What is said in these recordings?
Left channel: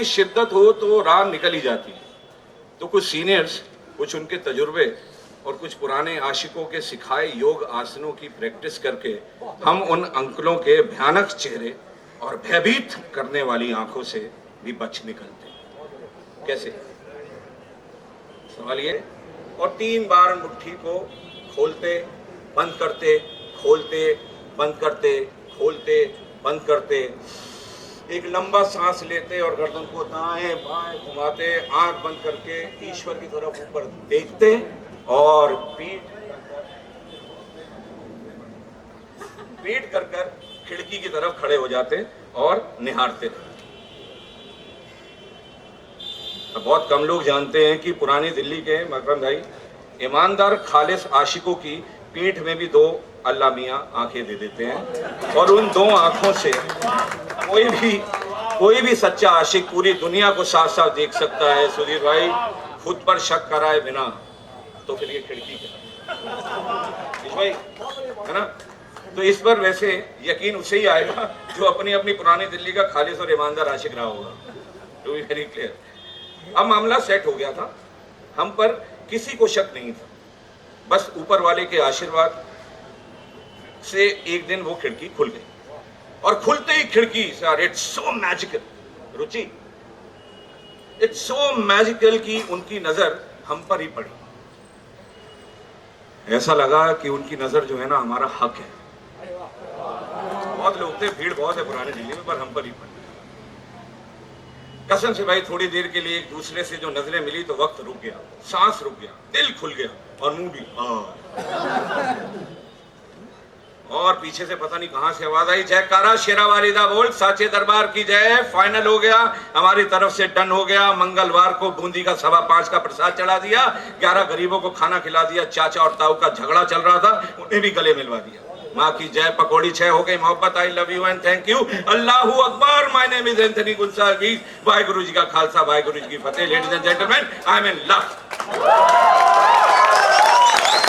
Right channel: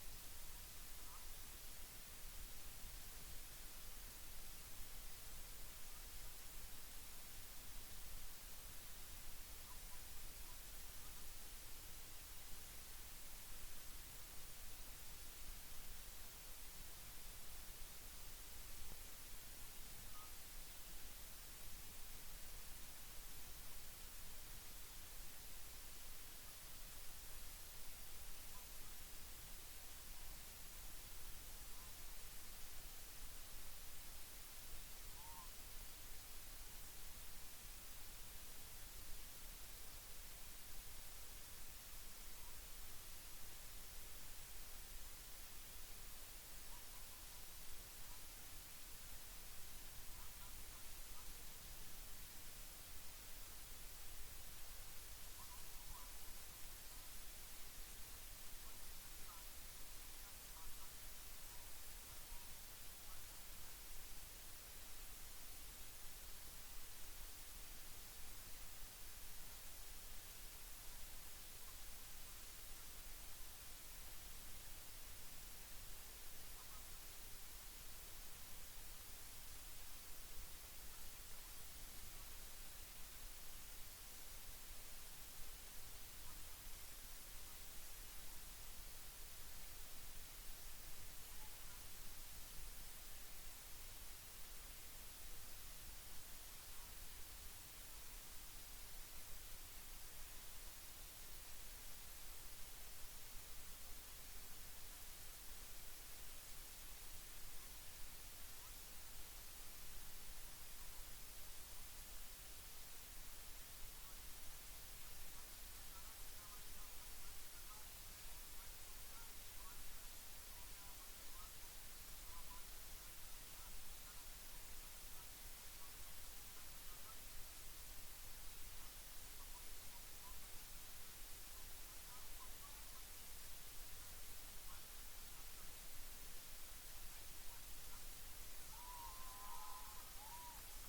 की शिद्दत हो तो राह निकल ही जाती है। तो कुछ सीनियर्स, कुछ उनके तजुर्बे और कुछ पुराने आशिकों के सिखाए योग आसनों की प्रैक्टिस करके हम उन अंकलों के भयानक चेहरे और भयभीत करने वाली आंखों से भी बच निकलते। कैसे? सवाल ये। और 3 बार मुट्ठी को खोलते बंद करते, खोलते बंद करते, खोलते बंद करते, एक लंबा सांस लेते और गर्दन को दाएं बाएं घुमाते, आंख बंद करके ईश्वर की तरफ ऊपर देखते और पीठ कर कर खिड़की की तरफ खड़े हो जाते और निहारते रहते। बहुत कम लोग जानते हैं कि पुरानी दिल्ली के मकरम भाई ईमानदार खालिस आशिकों की पीठ में भी 2 अल्लाह मियां आंखें दे देते हैं और उन 2 आंखों से कोई भी सच्चा आशिक पूरी दुनिया को साफ साफ देख सकता है। सुधीर भाई, खुद पर शक कराए बिना तो फिर ये खिड़की क्या भाई, है ना? तो इस पर वैसे यकीन उसे ही आएगा जो अपनी अपनी पुरानी दिल्ली का खालिस और ईमानदार आशिक रहा होगा। टू बी वेरी क्लियर, अब मामला सेट हो गया था, हम पर किसी को शक नहीं था। बस ऊपर वाले के आशीर्वाद से एक दिन वो खिड़की खुल गई और खुलते ही खिड़की, sir it's so magical, Ruchi it's so magical कि उनकी नजर हम पर ही पड़ी। ऐसा लगा कि उनकी नजर जो है ना हमारा हक है। बहुत लोग थे, भीड़ बहुत है पुराने दिल्ली में, पर हम पर ही पड़ी। कसम से भाई, थोड़ी देर के लिए एक दूसरे से जो नजरें मिली तो वक्त रुक गया, सांस रुक गया, दिल खुल गया और मुंह भी। और पीछे से पता नहीं कहां से आवाज आई, जयकारा शेरा वालिदा बोल, साचे दरबार की जय। फाइनल हो गया, हमारी तरफ से डन हो गया। मंगलवार को बूंदी का 5.25 का प्रसाद चढ़ा दिया, 11 गरीबों को खाना खिला दिया। चाचा और ताऊ का झगड़ा चल रहा था, उन्हें भी गले मिलवा दिया। माँ की जय, पकौड़ी 6 हो गई, मोहब्बत, I love you and thank you, अल्लाहू अकबर, माय नेम इज एंथनी गुलसागी, वाहिगुरु जी का खालसा, वाहिगुरु जी की फतेह। Ladies and gentleman, I am in love.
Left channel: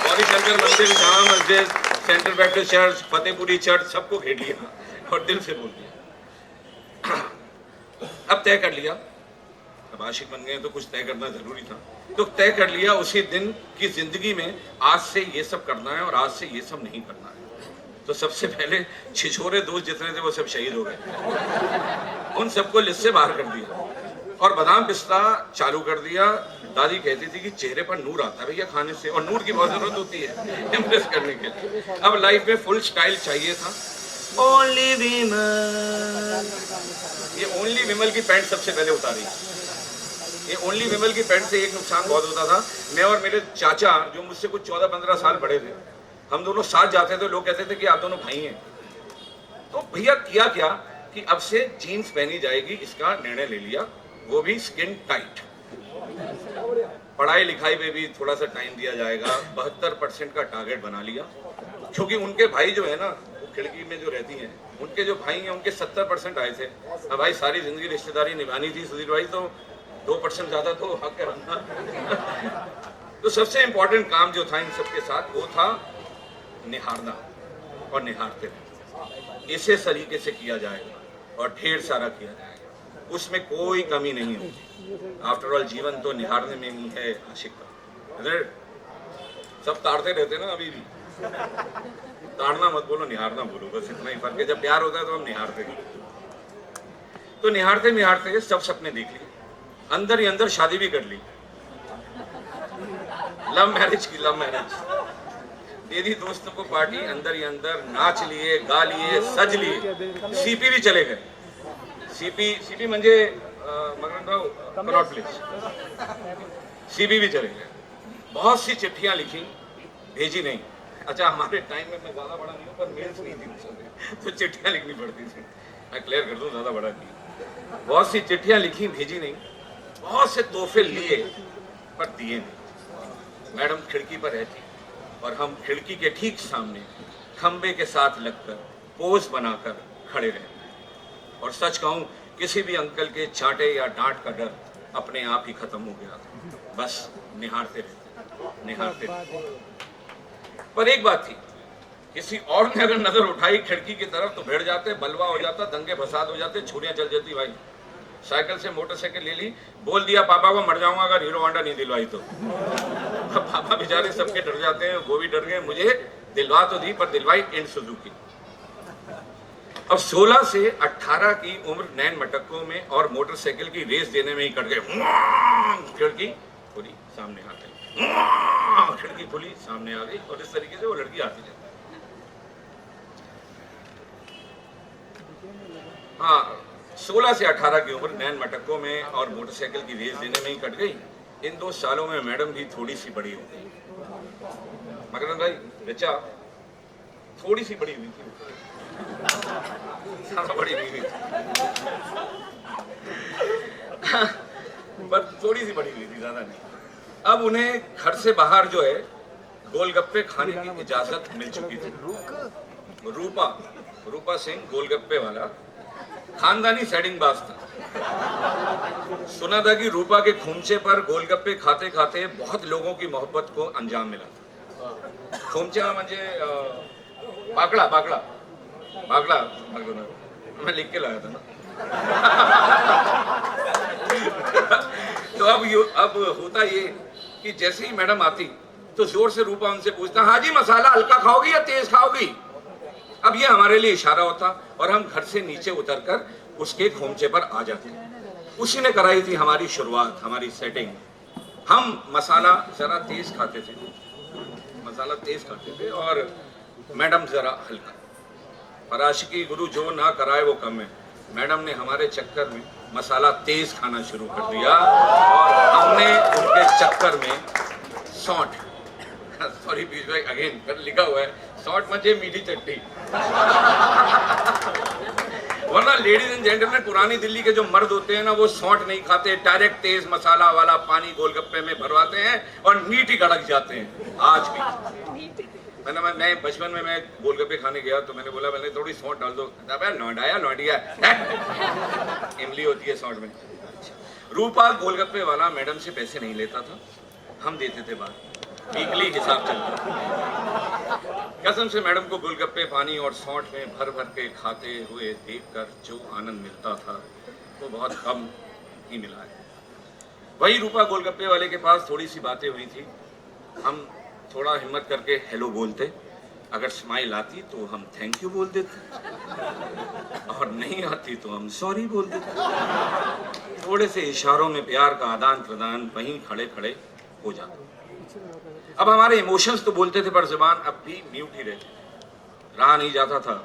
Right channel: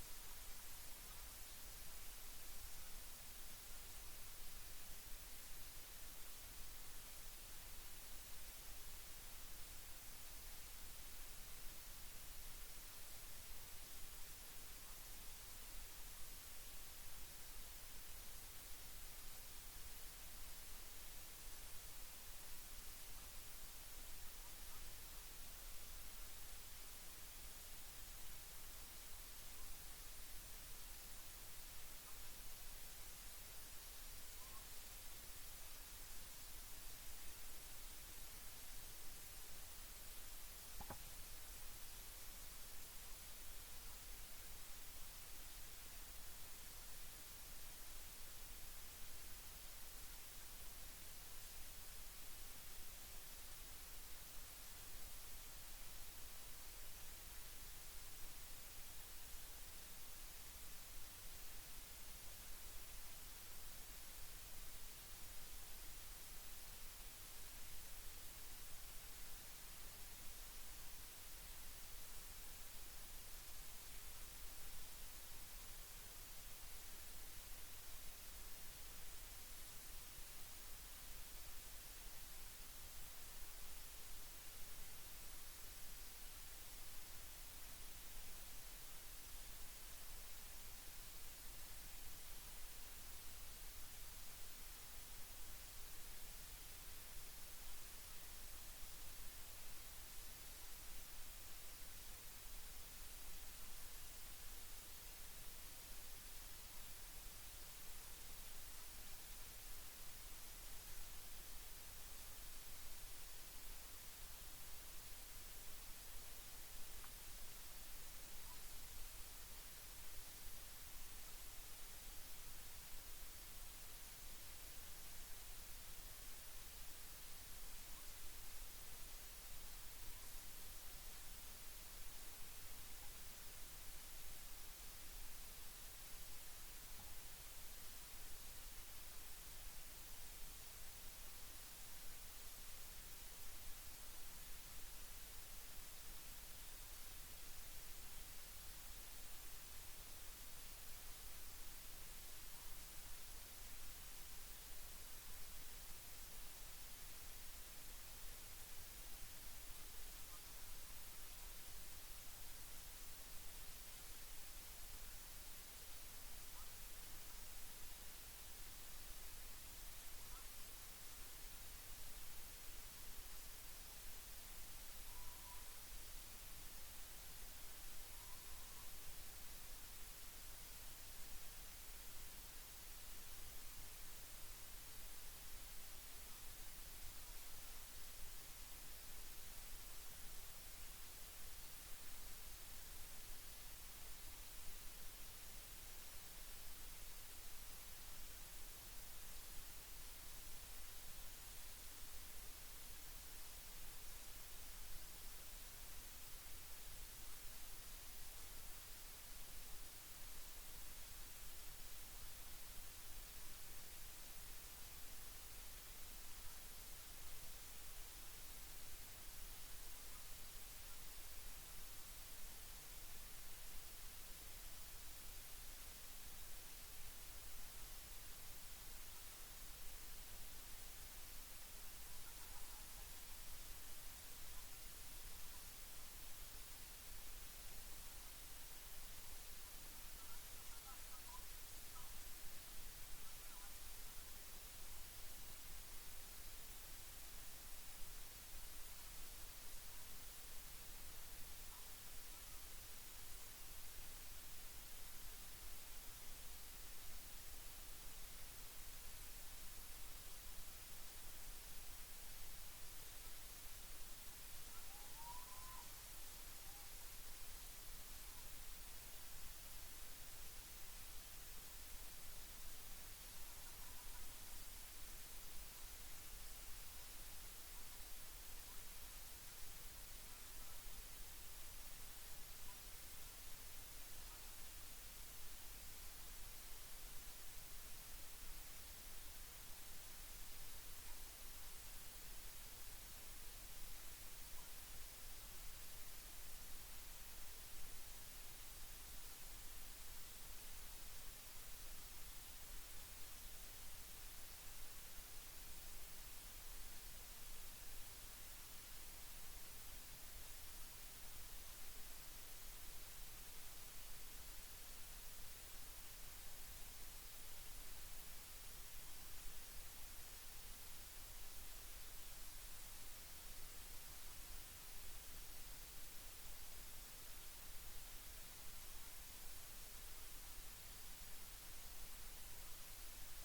Gauri Shankar Mandir, Jama Masjid, central baptist church, Fatehpuri church, सबको घेर लिया और दिल से बोल दिया। अब तय कर लिया, अब आशिक बन गए तो कुछ तय करना जरूरी था। तो तय कर लिया उसी दिन की जिंदगी में आज से ये सब करना है और आज से ये सब नहीं करना है। तो सबसे पहले छिछोरे दोस्त जितने थे वो सब शहीद हो गए, उन सबको लिस्ट से बाहर कर दिया और बादाम पिस्ता चालू कर दिया। दादी कहती थी कि चेहरे पर नूर आता है भैया खाने से, और नूर की बहुत जरूरत होती है इम्प्रेस करने के लिए। अब लाइफ में फुल स्टाइल चाहिए था। ओनली विमल, ये ओनली विमल की पैंट सबसे पहले उतारी। ये ओनली विमल की पैंट से एक नुकसान बहुत होता था, मैं और मेरे चाचा जो मुझसे कुछ 14-15 साल बड़े थे, हम दोनों साथ जाते थे, लोग कहते थे कि आप दोनों भाई हैं। तो भैया किया क्या कि अब से जीन्स पहनी जाएगी, इसका निर्णय ले लिया, वो भी स्किन टाइट। पढ़ाई लिखाई में भी थोड़ा सा टाइम दिया जाएगा, 72% का टारगेट बना लिया। क्योंकि उनके भाई जो है ना, वो खिड़की में जो रहती हैं, उनके जो भाई हैं उनके 70% आए थे। अब भाई सारी जिंदगी रिश्तेदारी निभानी थी सुधीर भाई, तो 2% ज्यादा तो हक है रखना। तो सबसे इंपॉर्टेंट काम जो था इन सबके साथ वो था निहारना और निहारते रहना। इसे सलीके से किया जाएगा और ढेर सारा किया जाएगा, उसमें कोई कमी नहीं होगी। आफ्टर ऑल जीवन तो निहारने में ही है आशिक का। सब ताड़ते रहते ना, अभी भी ताड़ना मत बोलो, निहारना बोलो, बस इतना ही फर्क है। जब प्यार होता है तो हम निहारते हैं। तो निहारते निहारते सब सपने देख लिए, अंदर ही अंदर शादी भी कर ली, लव मैरिज की, लव मैरिज दे दी दोस्तों को पार्टी, अंदर ही अंदर नाच लिए, गा लिए, सज लिए, सीपी भी चले गए। सीपी म्हणजे कनॉट प्लेस, सीपी भी चले गए। बहुत सी चिट्ठियां लिखी, भेजी नहीं। अच्छा, हमारे टाइम में मैं ज्यादा बड़ा नहीं हूँ, पर मेल्स नहीं थी तो चिट्ठियां लिखनी पड़ती थी। मैं क्लियर कर दूं, ज्यादा बड़ा नहीं। बहुत सी चिट्ठियां लिखी, भेजी नहीं। बहुत से तोहफे लिए पर दिए नहीं। मैडम खिड़की पर रहती और हम खिड़की के ठीक सामने खंबे के साथ लगकर पोज बनाकर खड़े रहते। और सच कहूं, किसी भी अंकल के चांटे या डांट का डर अपने आप ही खत्म हो गया था। बस निहारते रहते, निहारते रहते। पर एक बात थी, किसी और ने अगर नजर उठाई खिड़की की तरफ तो भिड़ जाते, बलवा हो जाता, दंगे फसाद हो जाते, छुरियां चल जाती भाई। साइकिल से मोटरसाइकिल ले ली, बोल दिया पापा को मर जाऊंगा अगर हीरो होंडा नहीं दिलवाई तो। पापा बेचारे सबके डर जाते हैं, वो भी डर गए। मुझे दिलवा तो दी पर दिलवाई एंड सुजुकी। अब 16 से 18 की उम्र नैन मटकों में और मोटरसाइकिल की रेस देने में ही कट गए। खिड़की खुली सामने आ गई, खिड़की खुली सामने आ गई, और इस तरीके से वो लड़की आती जाती। हाँ, 16 से 18 की उम्र नैन मटकों में और मोटरसाइकिल की रेस देने में ही कट गई। इन 2 सालों में मैडम भी थोड़ी सी बड़ी हो गई। मकरंद भाई बच्चा थोड़ी सी बड़ी हुई थी, ज्यादा बड़ी नहीं हुई पर थोड़ी सी बड़ी हुई थी, ज्यादा नहीं। अब उन्हें घर से बाहर जो है गोलगप्पे खाने की इजाजत मिल चुकी थी। रूपा सिंह गोलगप्पे वाला खानदानी सेटिंगबाज था। सुना था कि रूपा के खूमचे पर गोलगप्पे खाते खाते बहुत लोगों की मोहब्बत को अंजाम मिला था। खूमचा म्हणजे बाकड़ा मैं लिख के लाया था ना। तो अब होता ये कि जैसे ही मैडम आती तो जोर से रूपा उनसे पूछता, हाँ जी मसाला हल्का खाओगी या तेज खाओगी? अब ये हमारे लिए इशारा होता और हम घर से नीचे उतरकर उसके खोमचे पर आ जाते। उसी ने कराई थी हमारी शुरुआत, हमारी सेटिंग। हम मसाला जरा तेज खाते थे और मैडम जरा हल्का। पर आशिकी गुरु जो ना कराए वो कम है। मैडम ने हमारे चक्कर में मसाला तेज खाना शुरू कर दिया और हमने उनके चक्कर में सौंठ, सॉरी पीयूष भाई अगेन लिखा हुआ है सौंठ मचे मीठी चट्टी। वरना लेडीज एंड जेंटलमैन पुरानी दिल्ली के जो मर्द होते हैं ना, वो सौंठ नहीं खाते, डायरेक्ट तेज मसाला वाला पानी गोलगप्पे में भरवाते हैं और नीटी गड़क जाते हैं। आज भी मैं बचपन में मैं गोलगप्पे खाने गया तो मैंने बोला मैंने थोड़ी सौंठ डाल दो। लौंडिया इमली होती है सौंठ में। रूपा गोलगप्पे वाला मैडम से पैसे नहीं लेता था, हम देते थे बाहर, वीकली हिसाब चलता। कसम से मैडम को गोलगप्पे पानी और सौंठ में भर भर के खाते हुए देखकर जो आनंद मिलता था वो बहुत कम ही मिला है। वही रूपा गोलगप्पे वाले के पास थोड़ी सी बातें हुई थी। हम थोड़ा हिम्मत करके हेलो बोलते, अगर स्माइल आती तो हम थैंक यू बोल देते, और नहीं आती तो हम सॉरी बोल देते। थोड़े से इशारों में प्यार का आदान प्रदान वहीं खड़े खड़े हो जाता। अब हमारे इमोशंस तो बोलते थे पर जुबान अब भी म्यूट ही रहती, रहा नहीं जाता था।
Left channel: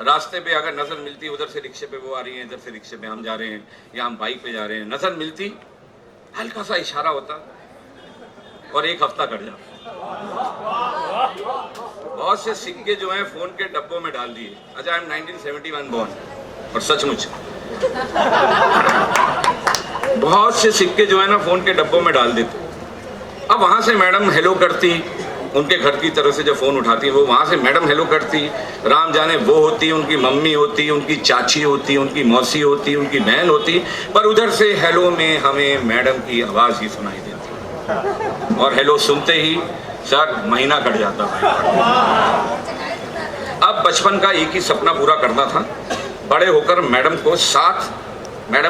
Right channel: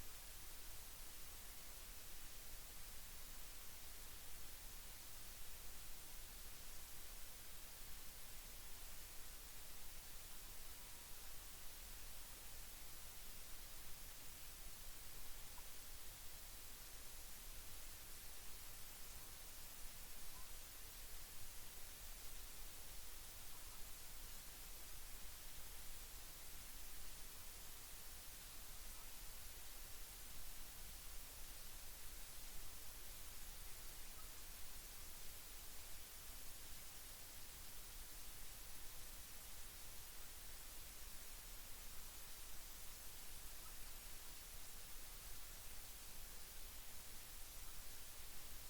रास्ते पे अगर नजर मिलती, उधर से रिक्शे पे वो आ रही है, इधर से रिक्शे पे हम जा रहे हैं या हम बाइक पे जा रहे हैं, नजर मिलती हल्का सा इशारा होता और एक हफ्ता कट जाता। बहुत से सिक्के जो हैं फोन के डब्बों में डाल दिए। अच्छा आई एम 1971 बॉर्न, और सचमुच बहुत से सिक्के जो है ना फोन के डब्बों में डाल देते। अब वहां से मैडम हेलो करती, उनके घर की तरफ से जब फोन उठाती वो वहां से मैडम हेलो करती, राम जाने वो होती, उनकी मम्मी होती, उनकी चाची होती, उनकी मौसी होती, उनकी बहन होती, पर उधर से हेलो में हमें मैडम की आवाज ही सुनाई देती और हेलो सुनते ही सर महीना कट जाता है। अब बचपन का एक ही सपना पूरा करना था, बड़े होकर मैडम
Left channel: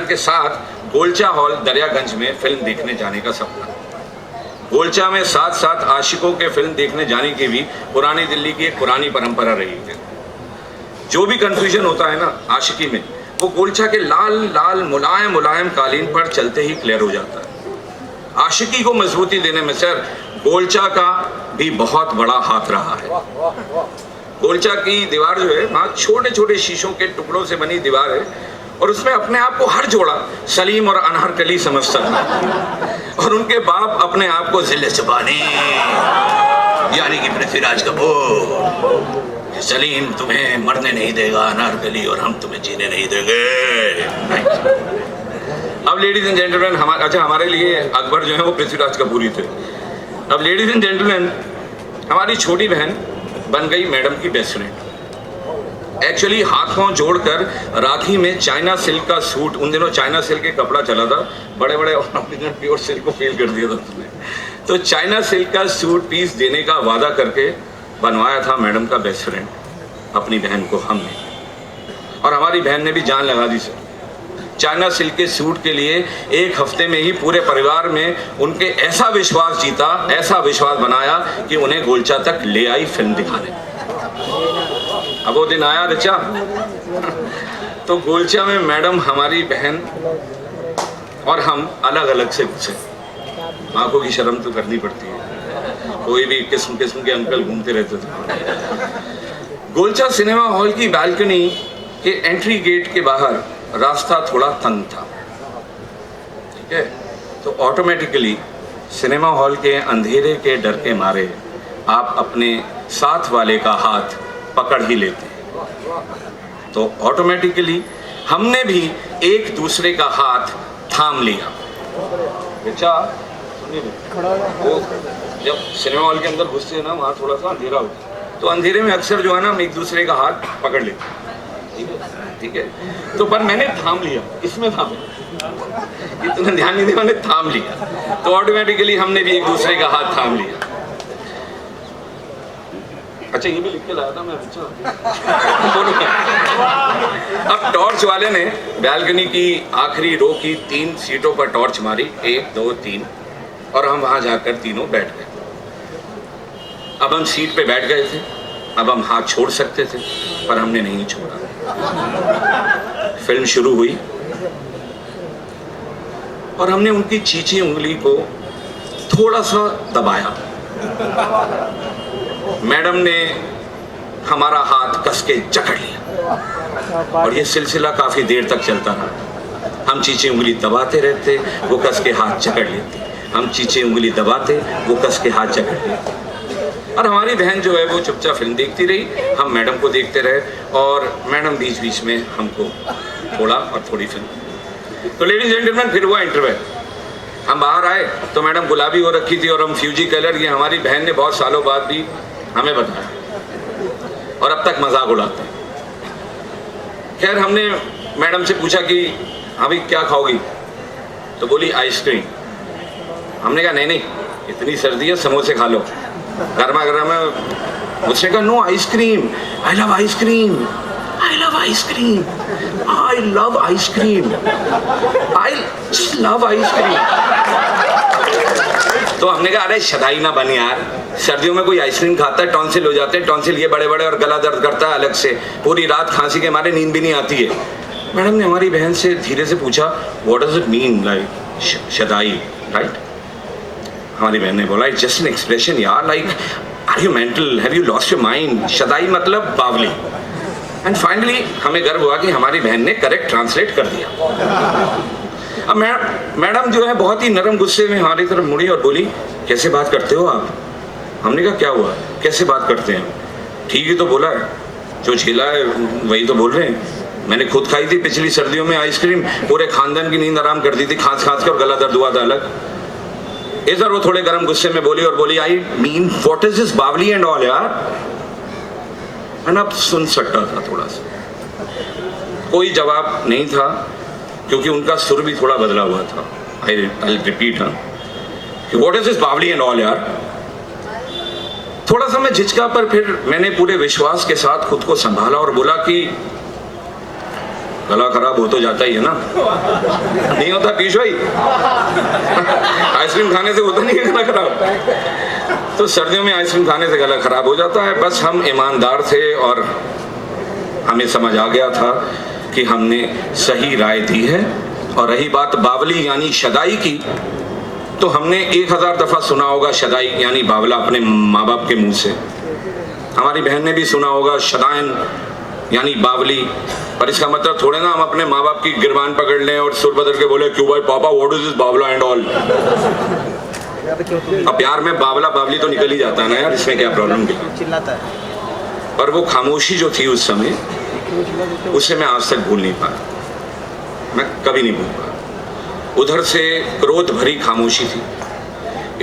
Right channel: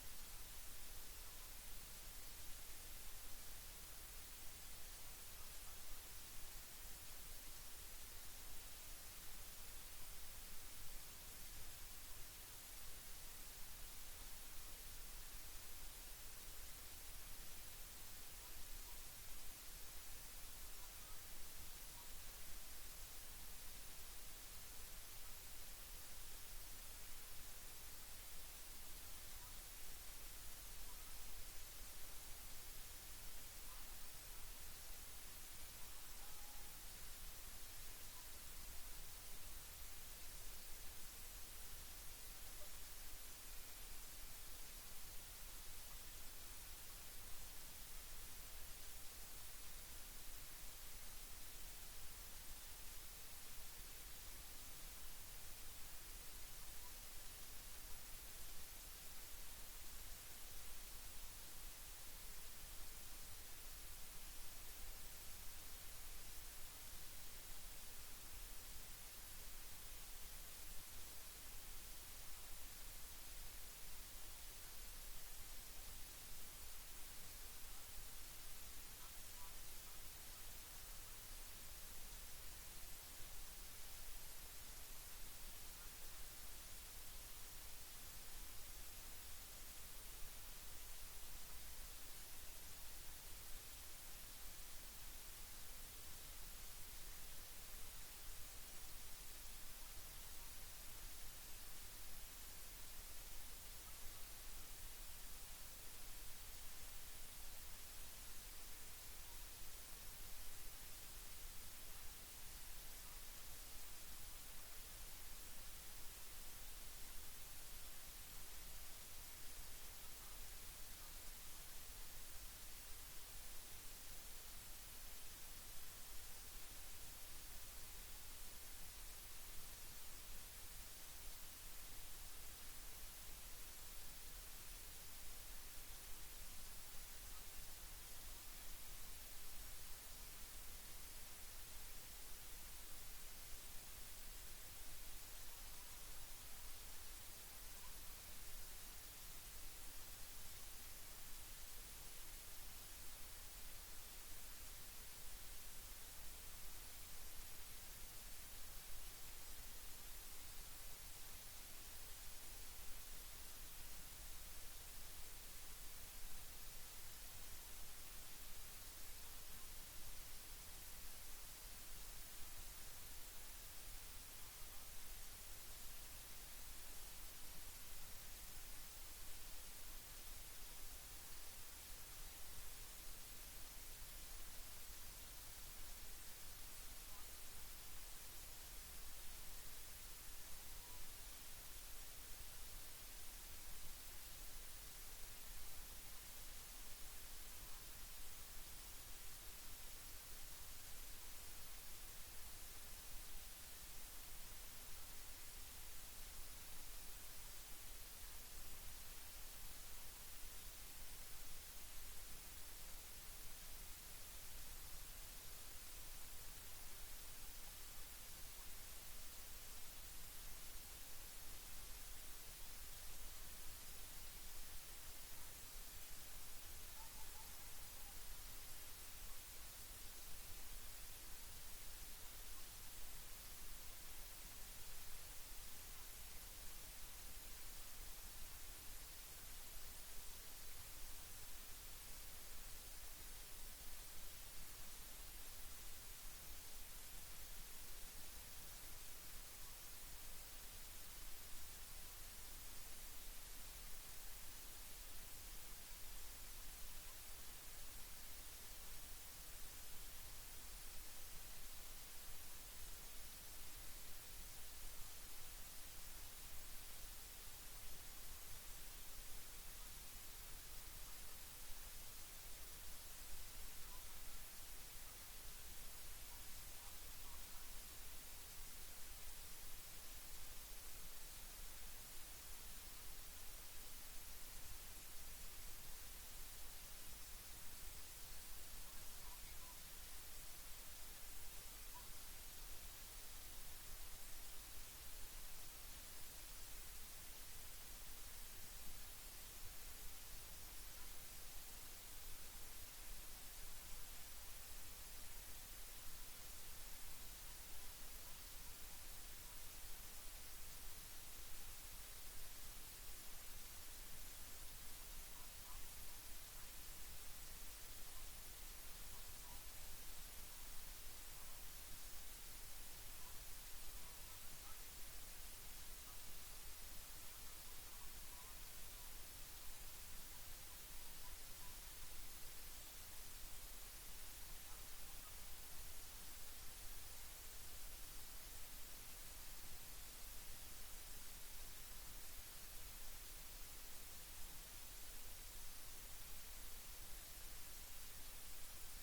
के साथ गोलचा हॉल दरियागंज में फिल्म देखने जाने का सपना। गोलचा में साथ साथ आशिकों के फिल्म देखने जाने की भी पुरानी दिल्ली की एक पुरानी परंपरा रही है। जो भी कंफ्यूजन होता है ना आशिकी में, वो गोलचा के लाल लाल मुलायम मुलायम कालीन पर चलते ही क्लियर हो जाता है। आशिकी को मजबूती देने में सर गोलचा का भी बहुत बड़ा हाथ रहा है। गोलचा की दीवार जो है वहाँ छोटे छोटे शीशों के टुकड़ों से बनी दीवार है और उसमें अपने आप को हर जोड़ा सलीम और अनहरकली समझता था और उनके बाप अपने आप को जिले चबानी यानी कि पृथ्वीराज कपूर, सलीम तुम्हें मरने नहीं देगा अनहरकली और हम तुम्हें जीने नहीं देंगे। अब लेडीज एंड जेंटलमैन हमारे लिए अकबर जो है वो पृथ्वीराज कपूर ही थे। अब लेडीज एंड जेंटलमैन हमारी छोटी बहन बन गई मैडम की बेस्ट फ्रेंड। एक्चुअली हाथ पांव जोड़कर राखी में चाइना सिल्क का सूट, उन दिनों चाइना सिल्क के कपड़ा चला था, बड़े बड़े प्योर सिल्क को फेल कर दिया था उसने, तो चाइना सिल्क का सूट पीस देने का वादा करके बनवाया था मैडम का बेस्ट फ्रेंड अपनी बहन को हमने, और हमारी बहन ने भी जान लगा दी सर। चाइना सिल्क के सूट के लिए 1 हफ्ते में ही पूरे परिवार में उनके ऐसा विश्वास जीता, ऐसा विश्वास बनाया कि उन्हें गोलचा तक ले आई फिल्म दिखाने। अब वो दिन आया ऋचा, तो गोलचा में मैडम, हमारी बहन और हम अलग अलग से घुसे। आंखों की शर्म तो करनी पड़ती है, कोई भी किस्म किस्म के अंकल घूमते रहते थे। गोलचा सिनेमा हॉल की बालकनी के एंट्री गेट के बाहर रास्ता थोड़ा तंग था, ठीक है, तो ऑटोमेटिकली सिनेमा हॉल के अंधेरे के डर के मारे आप अपने साथ वाले का हाथ पकड़ ही लेते, तो ऑटोमेटिकली हमने भी एक दूसरे का हाथ थाम लिया। बेचा वो जब सिनेमा हॉल के अंदर घुसते हैं ना, वहाँ थोड़ा सा अंधेरा होता है, तो अंधेरे में अक्सर जो है ना, हम एक दूसरे का हाथ पकड़ लेते हैं, ठीक है, तो पर मैंने थाम लिया, इसमें थाम लिया, इतना ध्यान नहीं दिया, मैंने थाम लिया, तो ऑटोमेटिकली हमने भी एक दूसरे का हाथ थाम लिया। अच्छा, ये भी लिख के लाया था मैं। अब टॉर्च वाले ने बैल्कनी की आखिरी रो की 3 सीटों पर टॉर्च मारी, 1 2 3, और हम वहां जाकर तीनों बैठ गए। अब हम सीट पे बैठ गए थे, अब हम हाथ छोड़ सकते थे, पर हमने नहीं छोड़ा। फिल्म शुरू हुई और हमने उनकी चीची उंगली को थोड़ा सा दबाया। मैडम ने हमारा हाथ कस के जकड़ लिया और ये सिलसिला काफी देर तक चलता रहा। हम चीची उंगली दबाते रहते, वो कस के हाथ जकड़ लेती, हम चीची उंगली दबाते, वो कस के हाथ जकड़ लेते, और हमारी बहन जो है वो चुपचाप फिल्म देखती रही, हम मैडम को देखते रहे, और मैडम बीच बीच में हमको थोड़ा और थोड़ी फिल्म। तो लेडीज जेंटलमैन, फिर हुआ इंटरवल। हम बाहर आए तो मैडम गुलाबी हो रखी थी और हम फ्यूजी कलर, ये हमारी बहन ने बहुत सालों बाद भी हमें बताया और अब तक मजाक उड़ाते हैं। खैर, हमने मैडम से पूछा कि अभी क्या खाओगी, तो बोली आइसक्रीम। हमने कहा नहीं नहीं, इतनी सर्दी है, समोसे खा लो, गर्मा गर्म है। उसने कहा no ice cream, I love ice cream, I love ice cream, I love ice cream, I love ice cream. तो हमने कहा अरे शदाई ना बन यार, सर्दियों में कोई आइसक्रीम खाता है, टॉन्सिल हो जाते हैं, टॉन्सिल ये बड़े बड़े, और गला दर्द करता है अलग से, पूरी रात खांसी के मारे नींद भी नहीं आती है। मैडम ने हमारी बहन से धीरे से पूछा what does it mean like शदाई, राइट? हमारी बहन ने बोला इट्स जस्ट एन एक्सप्रेशन यार, like are you mental, have you lost your mind, शदाई मतलब बावली। एंड फाइनली हमें गर्व हुआ कि हमारी बहन ने करेक्ट ट्रांसलेट कर दिया। अब मैडम जो है बहुत ही नरम गुस्से में हमारी तरफ मुड़ी और बोली कैसे बात करते हो आप? हमने कहा क्या हुआ, कैसे बात करते हैं? ठीक ही तो बोला है, जो झेला है वही तो बोल रहे हैं। मैंने खुद खाई थी पिछली सर्दियों में आइसक्रीम, पूरे खानदान की नींद आराम कर दी थी, खांस खांस के, और गला दर्द हुआ था अलग। इधर वो थोड़े गर्म गुस्से में बोली और बोली I mean what is this बावली एंड ऑल यार। मैंने अब सुन सकता था थोड़ा सा, कोई जवाब नहीं था क्योंकि उनका सुर भी थोड़ा बदला हुआ था। I repeat, what is this बावली एंड ऑल यार। थोड़ा सा मैं झिझका, पर फिर मैंने पूरे विश्वास के साथ खुद को संभाला और बोला कि गला खराब हो तो जाता ही है ना, नहीं होता पीयूष भाई? आइसक्रीम खाने से होता नहीं है गला खराब, तो सर्दियों में आइसक्रीम खाने से गला खराब हो जाता है। बस हम ईमानदार थे और हमें समझ आ गया था कि हमने सही राय दी है। और रही बात बावली यानी शदाई की, तो हमने 1000 दफा सुना होगा शदाई यानी बावला अपने माँ बाप के मुंह से। हमारी बहन ने भी सुना होगा शदाइन यानी बावली, पर इसका मतलब थोड़े ना हम अपने माँ बाप की गिरबान पकड़ लें और सुर बदल के बोले क्यों भाई पापा व्हाट इज दिस बावला एंड ऑल। अब प्यार में बावला बावली तो निकल ही जाता है ना यार, इसमें क्या प्रॉब्लम भी। पर वो खामोशी जो थी उस समय, उसे मैं आज तक भूल नहीं पाया, मैं कभी नहीं भूल पाया। उधर से क्रोध भरी खामोशी थी,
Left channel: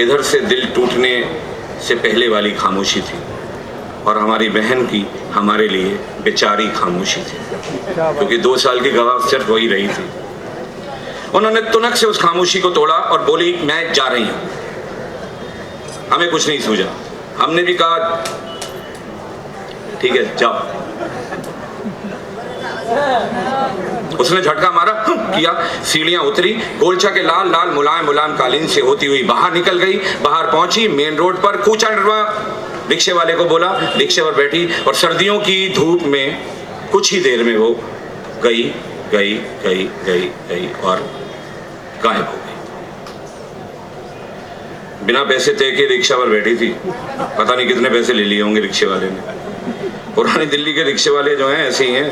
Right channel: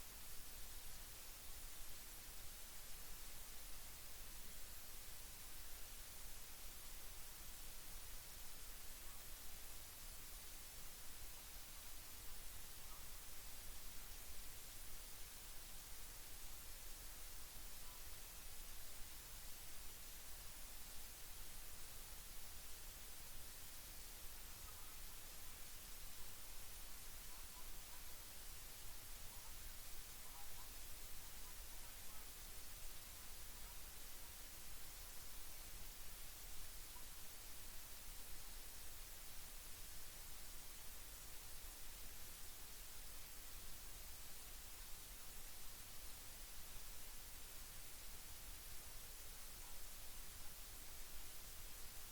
इधर से दिल टूटने से पहले वाली खामोशी थी, और हमारी बहन की हमारे लिए बेचारी खामोशी थी, क्योंकि 2 साल की गवाह सिर्फ वही रही थी। उन्होंने तुनक से उस खामोशी को तोड़ा और बोली मैं जा रही हूं। हमें कुछ नहीं सूझा, हमने भी कहा ठीक है जाओ। उसने झटका मारा, किया, सीढ़ियां उतरी, गोलचा के लाल लाल मुलायम मुलायम कालीन से होती हुई बाहर निकल गई। बाहर पहुंची, मेन रोड पर कूचा डरवा रिक्शे वाले को बोला, रिक्शे पर बैठी और सर्दियों की धूप में कुछ ही देर में वो गई गई गई गई गई और गायब हो गई। बिना पैसे तय के रिक्शा पर बैठी थी, पता नहीं कितने पैसे ले लिए होंगे रिक्शे वाले ने। पुरानी दिल्ली के रिक्शे वाले जो हैं ऐसे ही हैं,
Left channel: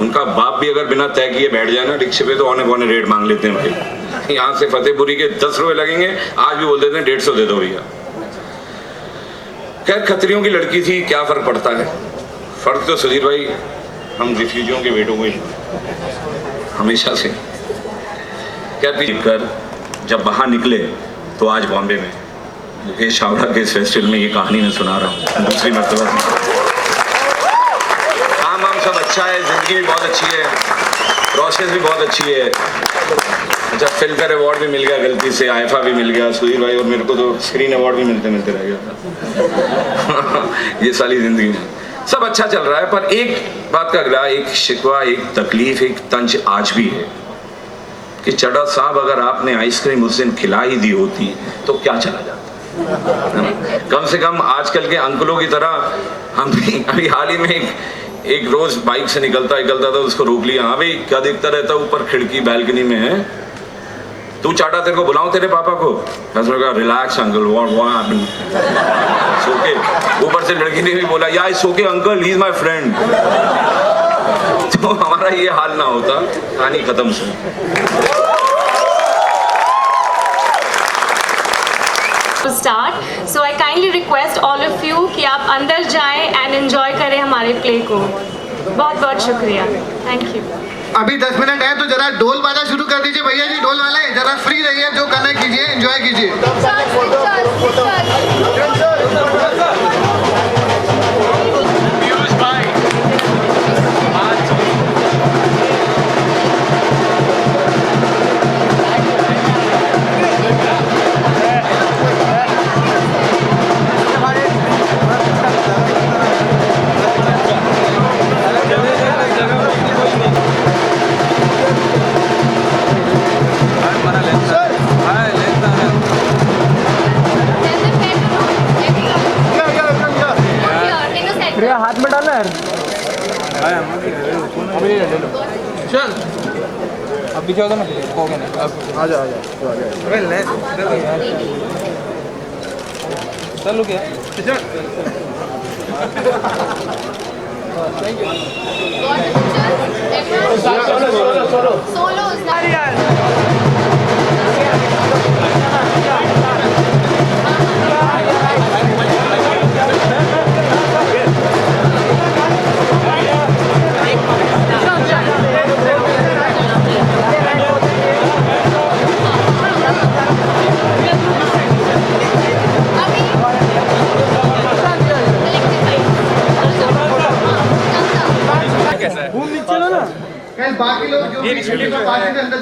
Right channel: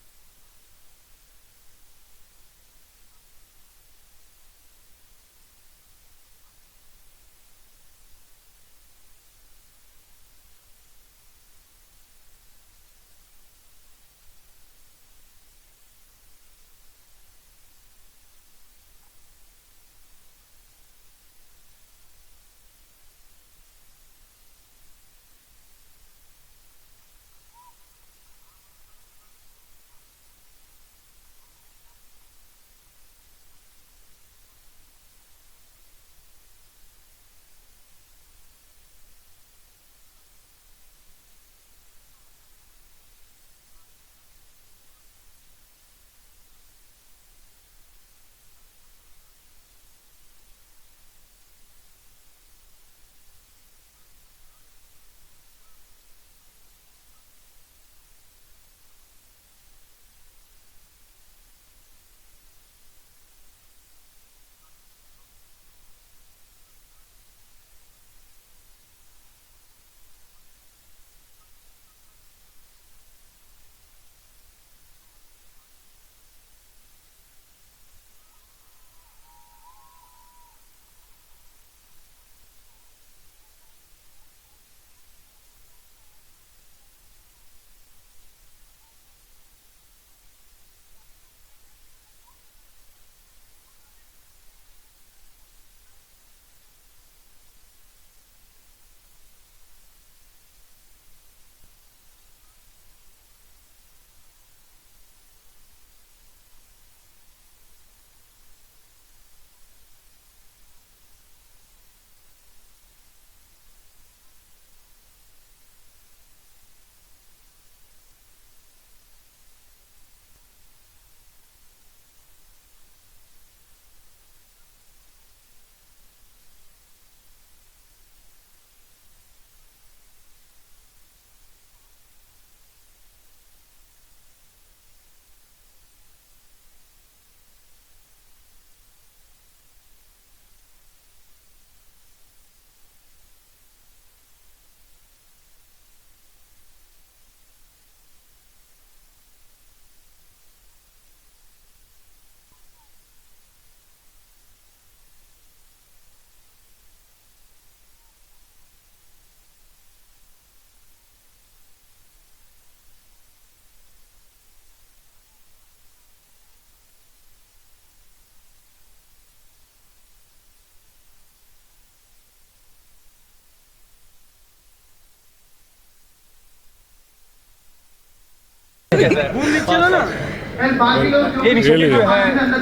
उनका बाप भी अगर बिना तय किए बैठ जाए ना रिक्शे पे तो औने पौने रेट मांग लेते हैं भाई। यहाँ से फतेहपुरी के 10 रुपए लगेंगे, आज भी बोल देते हैं 150 दे दो भैया। खैर खत्रियों की लड़की थी, क्या फर्क पड़ता है। फर्क तो सुधीर भाई हम रिफ्यूजियों के बेटों को ही हमेशा से। क्या कर जब बाहर निकले तो आज बॉम्बे में मुकेश छावड़ा के इस फेस्टिवल में ये कहानी मैं सुना रहा हूँ दूसरी मरतबा। काम सब अच्छा है, जिंदगी भी बहुत अच्छी है, प्रोसेस भी बहुत अच्छी है। अच्छा फिल्म का अवार्ड भी मिल गया गलती से, आईफा भी मिल गया सुधीर भाई, और मेरे को तो स्क्रीन अवार्ड भी मिलते मिलते रह गया। ये सारी जिंदगी में सब अच्छा चल रहा है, पर एक बात का अगला, एक शिकवा, एक तकलीफ, एक तंज आज भी है कि चड्ढा साहब अगर आपने आइसक्रीम उस दिन खिला ही दी होती तो क्या चला जाता। कम से कम आजकल के अंकलों की तरह हम भी अभी हाल ही में एक रोज बाइक से निकलता था, उसको रोक लिया। हाँ भाई क्या देखता रहता ऊपर खिड़की बालकनी में है, तू चाटा तेरे को बुलाऊं तेरे पापा को? मैंने कहा रिलैक्स अंकल, व्हाट सोके। ऊपर से लड़की ने भी बोला या it's okay uncle, he is my friend. तो हमारा ये हाल ना होता, कहानी खत्म से। Start so I kindly request all of you कि आप अंदर जाएं एंड एंजॉय करें हमारे प्ले को। बहुत बहुत शुक्रिया, थैंक यू। अभी 10 मिनट है तो जरा ढोल बाजा शुरू कर दीजिए भैया जी। ढोल वाले जरा फ्री रहिए, जो करना है कीजिए, एंजॉय कीजिए। हाथ में डालना है। चल अब भी जाओगे ना, हो गया ना, अब आ जा चलो क्या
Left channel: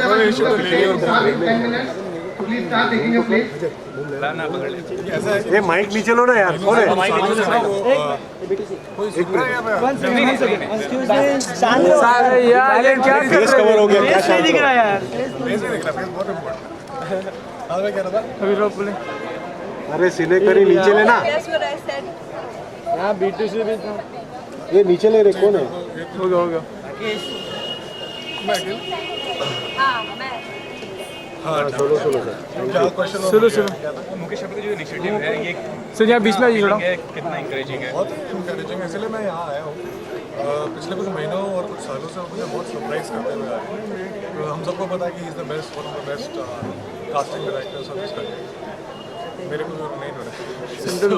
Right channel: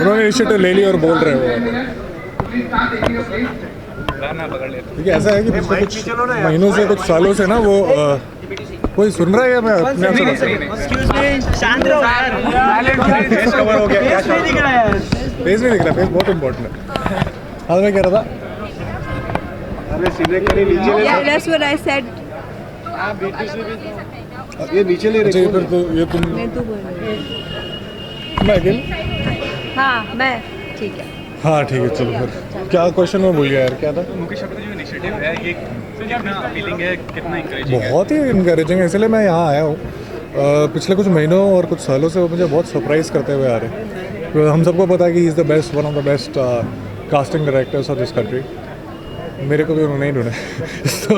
उन्होंने इनिशिएटिव ले लिया और बोल रहे हैं। देखिए ऐसा है कि माइक नीचे लो ना यार, महीनों से कुछ सालों से ना वो कोई सुन रहा है या मैं अपने आप से फेस कवर हो गया क्या? फेस नहीं दिख रहा, फेस बहुत इम्पोर्टेंट है। हाँ मैं कह रहा था अरे सीने करी नीचे ले ना। That's what I said. ये नीचे ले रहे हो तो ये तुम मैं हाँ मैं ठीक है। हाँ ठीक है चलो। क्या क्वेश्चन में भूल गया यार, क्या था? मुकेश छावड़ा जो इनिशिएटिव है ये कितना इंकरेजिंग है? बहुत ही इनकरेजिंग है, इसलिए मैं यहाँ आया हूँ। पिछले कुछ महीनों और कुछ सालों से वो मुझे बहुत सरप्राइज़ करते हुए आ रहे हैं। तो हम सबको पता है कि is the best, one of the best casting directors of this country. मेरे को भी उन्होंने ही ढूंढा। तो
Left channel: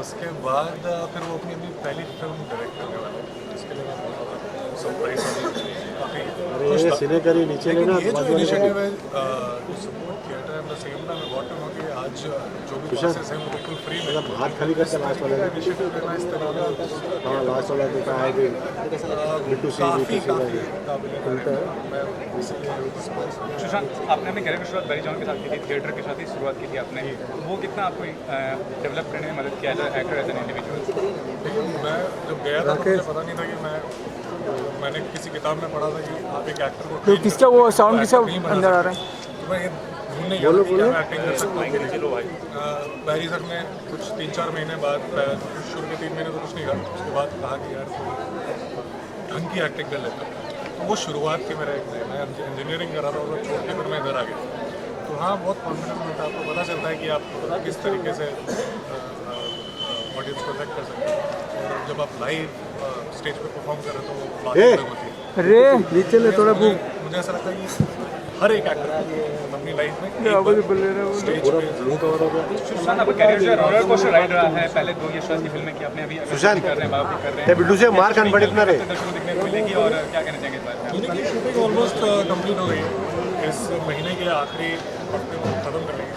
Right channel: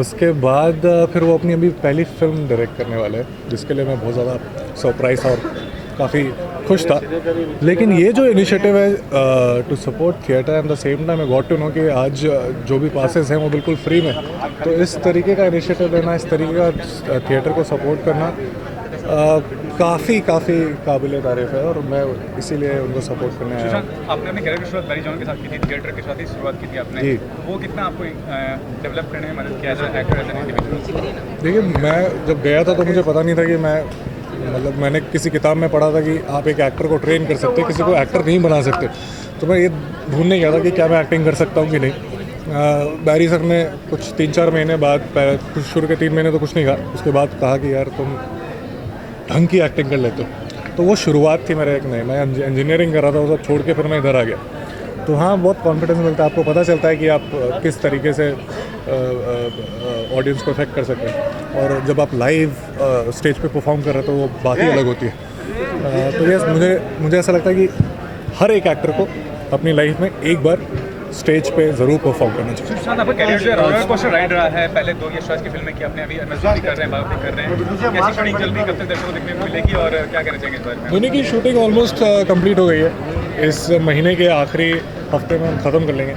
उसके बाद फिर वो अपनी अभी पहली फिल्म डायरेक्ट करने वाले हैं, जिसके लिए मैं बहुत ज़्यादा सरप्राइज और काफ़ी खुश था। लेकिन ये जो इनिशिएटिव है to support theatre and the same time I got to know कि आज जो भी पासेस हैं वो बिल्कुल फ्री में, तो इस तरीके का इनिशिएटिव लेना, इस तरीके का थिएटर को सपोर्ट करना काफ़ी काबिल तारीफ है और मैं इसीलिए उनको सपोर्ट करने आया। आपने अपने कैरेक्टर शुरुआत बैरी जॉन के साथ की थी, थिएटर के साथ ही शुरुआत की थी आपने जी। वो कितना आपको डेवलप करने में मदद किया as an actor, as an individual? देखिए मैं जब गया था तो मुझे पता नहीं था कि मैं मतलब मैंने किसी किताब में पढ़ा था कि आप एक एक्टर को ट्रेन कर सकते, किसी को एक्टर नहीं बना सकते। तो मैं ये ढूंढने गया था कि क्या मैं एक्टिंग कर सकता हूँ कि नहीं। बैरी सर ने कुछ 3-4 महीने बाद, शुरू के 3 महीने तो कुछ नहीं कहा, उसके बाद कहा कि यार तुम ढंग की एक्टिंग कर लेते हो। तो वो शुरुआत थी मेरे एक नए, मैं इंजीनियरिंग कर रहा था, वो सब छोड़ के फिर मैं इधर आ गया। तो हाँ, बहुत कॉन्फिडेंस मिलता है, आपको पता चलता है कि आप किस तरीके से ऑडियंस को इफेक्ट कर सकते हैं। और जब आप लाइव स्टेज पे परफॉर्म कर रहे हो तो वो बात ही अलग होती है। तो ये मुझे ऐसा लगता है कि हर एक एक्टर को अपनी लाइफ में एक बार स्टेज पे ज़रूर परफॉर्म करना चाहिए। सुशांत, आपका कैरियर जो है रोलर कोस्टर राइड रहा है। पहले 2 यशराज की फिल्में की आपने, अभी सुशांत कर रहे हैं, बाबू कर रहे हैं। कैसी शूटिंग चल रही है, दर्शकों को देखने को मिलेगी और क्या कहना चाहिए इस बारे में? दोनों की शूटिंग ऑलमोस्ट कंप्लीट हो गई है। इस महीने के आखिरी हफ्ते में ख़त्म कर लेंगे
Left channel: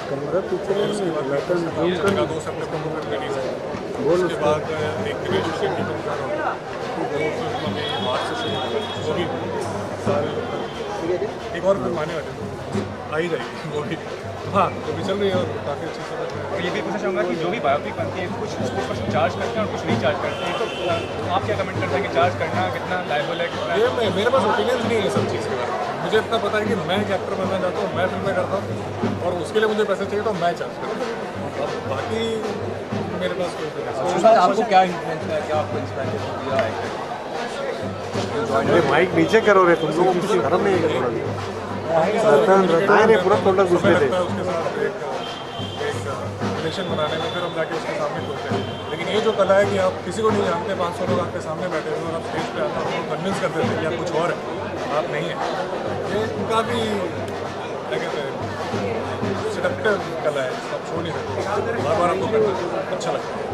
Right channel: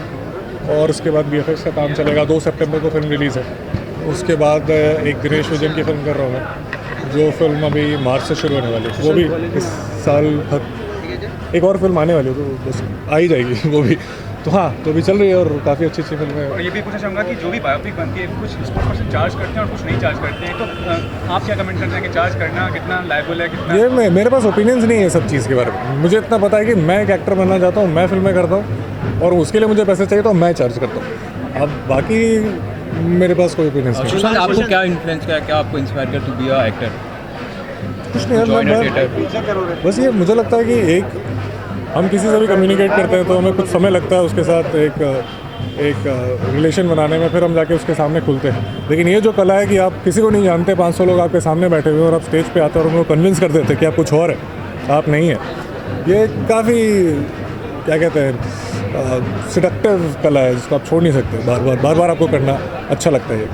और उसके बाद VFX का काम चलेगा। 2 सितंबर को फिल्म रिलीज़ है। उसके बाद एक दिनेश विजन की फिल्म कर रहा हूँ, जो फिल्म अभी मार्च से शुरू होने वाली है। वो भी इस साल एक और फिल्म आने वाली है, तो बस आ ही जाएगी वो भी। तो हाँ, तो भी चल रही है और काफ़ी अच्छी फिल्म है। और ये भी पूछना चाहूँगा कि जो भी बायोपिक बनती है, कुछ स्पोर्ट्स चार्ज करते हैं और कुछ नहीं चार्ज करते हैं, तो आप क्या कमेंट करते हैं कि चार्ज करना कितना लायबल है? ये मेरे पास ओपिनियंस नहीं है सब चीज़ के बारे में। मुझे इतना पता है कि मैं एक एक्टर बनना चाहता हूँ, मैं फिल्में करता हूँ और उसके लिए मुझे पैसे चाहिए तो मैं चार्ज करता हूँ। अब बाकी मेरे पास कोई ओपिनियंस नहीं। सुशांत, आपको क्या इन्फ्लुएंस किया, क्या आपको इंस्पायर कर टू बी अ एक्टर? कुछ नहीं, बस ये मुझे लगता है कि एक हम किसी से भी कम्युनिकेट करते हैं तो हमें कुछ समय लगता है उसके साथ एक रिलेशन बनाने में, फिर हम जाके उसके सामने खुलते हैं। लेकिन ये जो कला है कि आप किसी को नहीं जानते, 500 लोग आपके सामने बैठे हुए और आप स्टेज पे आते हैं और उनको कन्विंस कर देते हैं कि आप कुछ और है, आप नहीं है, ये काफ़ी क्या कहते हैं सिडक्टिव कला है जिसको आप छोड़ नहीं सकते। बार बार आपको करना अच्छा लगता है।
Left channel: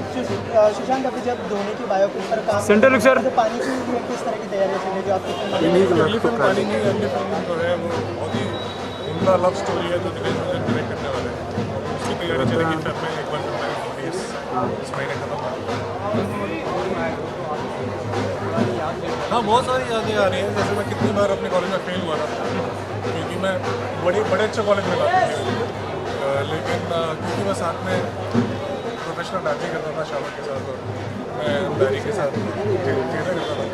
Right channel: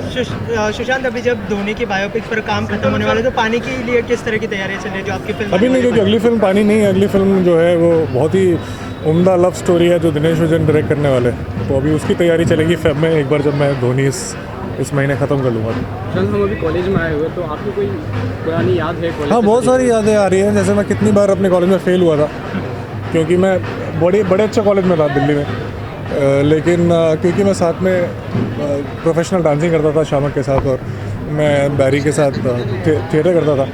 सुशांत, अभी जब धोनी की बायोपिक पर काम करने वाले तो पानी के लिए किस तरह की तैयारियां चल रही है जो आपकी फिल्म? अभी नहीं, क्योंकि अगली फिल्म पानी नहीं है। अगली फिल्म जो है वो बहुत ही उम्दा लव स्टोरी है जो दिनेश विजन डायरेक्ट करने वाले हैं। तो अभी उसकी तैयारी चलेगी फेब में, एक बार जब मैं धोनी इस महीने ख़त्म कर लूँगा। हम अभी कॉलेज में आए हुए, तो आपको कोई पुरानी याद है? हाँ, बहुत सारी यादें आ रही हैं। जैसे मैं कितनी बार अपने कॉलेज में फेल हुआ था, क्योंकि मैं बड़े अच्छे कॉलेज में था दिल्ली में, लेकिन क्योंकि मैं साथ में प्रोफेशनल डांसिंग करता था शामक के साथ और मैं बैरी के साथ थिएटर करता था,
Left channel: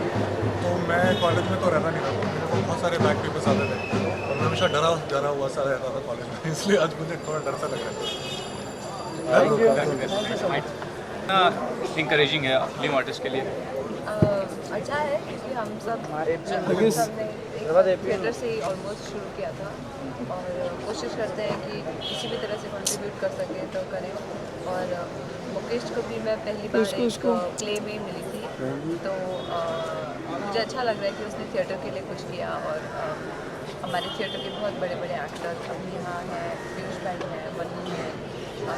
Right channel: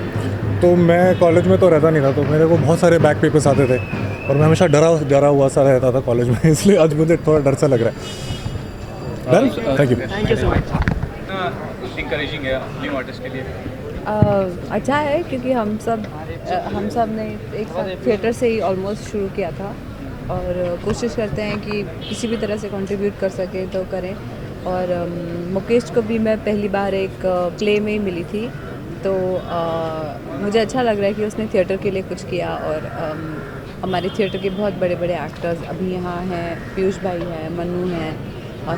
तो मैं कॉलेज में तो रहता नहीं था, तो मेरे को बहुत सारे बैक पेपर्स आते थे और मैं हमेशा डरा हुआ सा रहता था कॉलेज में, इसलिए आज मुझे थोड़ा डर सा लग रहा है। Thank you so much. Encouraging है न्यू आर्टिस्ट के लिए? अच्छा है, क्योंकि हम सब ने एक थिएटर से ही ऑलमोस्ट शुरू किया था और कोशिश करते हैं कि किसी भी तरह से कंट्रीब्यूट कर सके तो करें। और मुकेश को भी मैं पहली बार एक प्ले में ही मिली थी, तो मुझे अच्छा लग रहा है कि उसने थिएटर के लिए कुछ किया। और हमारे थिएटर के बहुत बड़े बड़े एक्टर्स अभी यहाँ हैं, पीयूष भाई हैं, मन्नू हैं,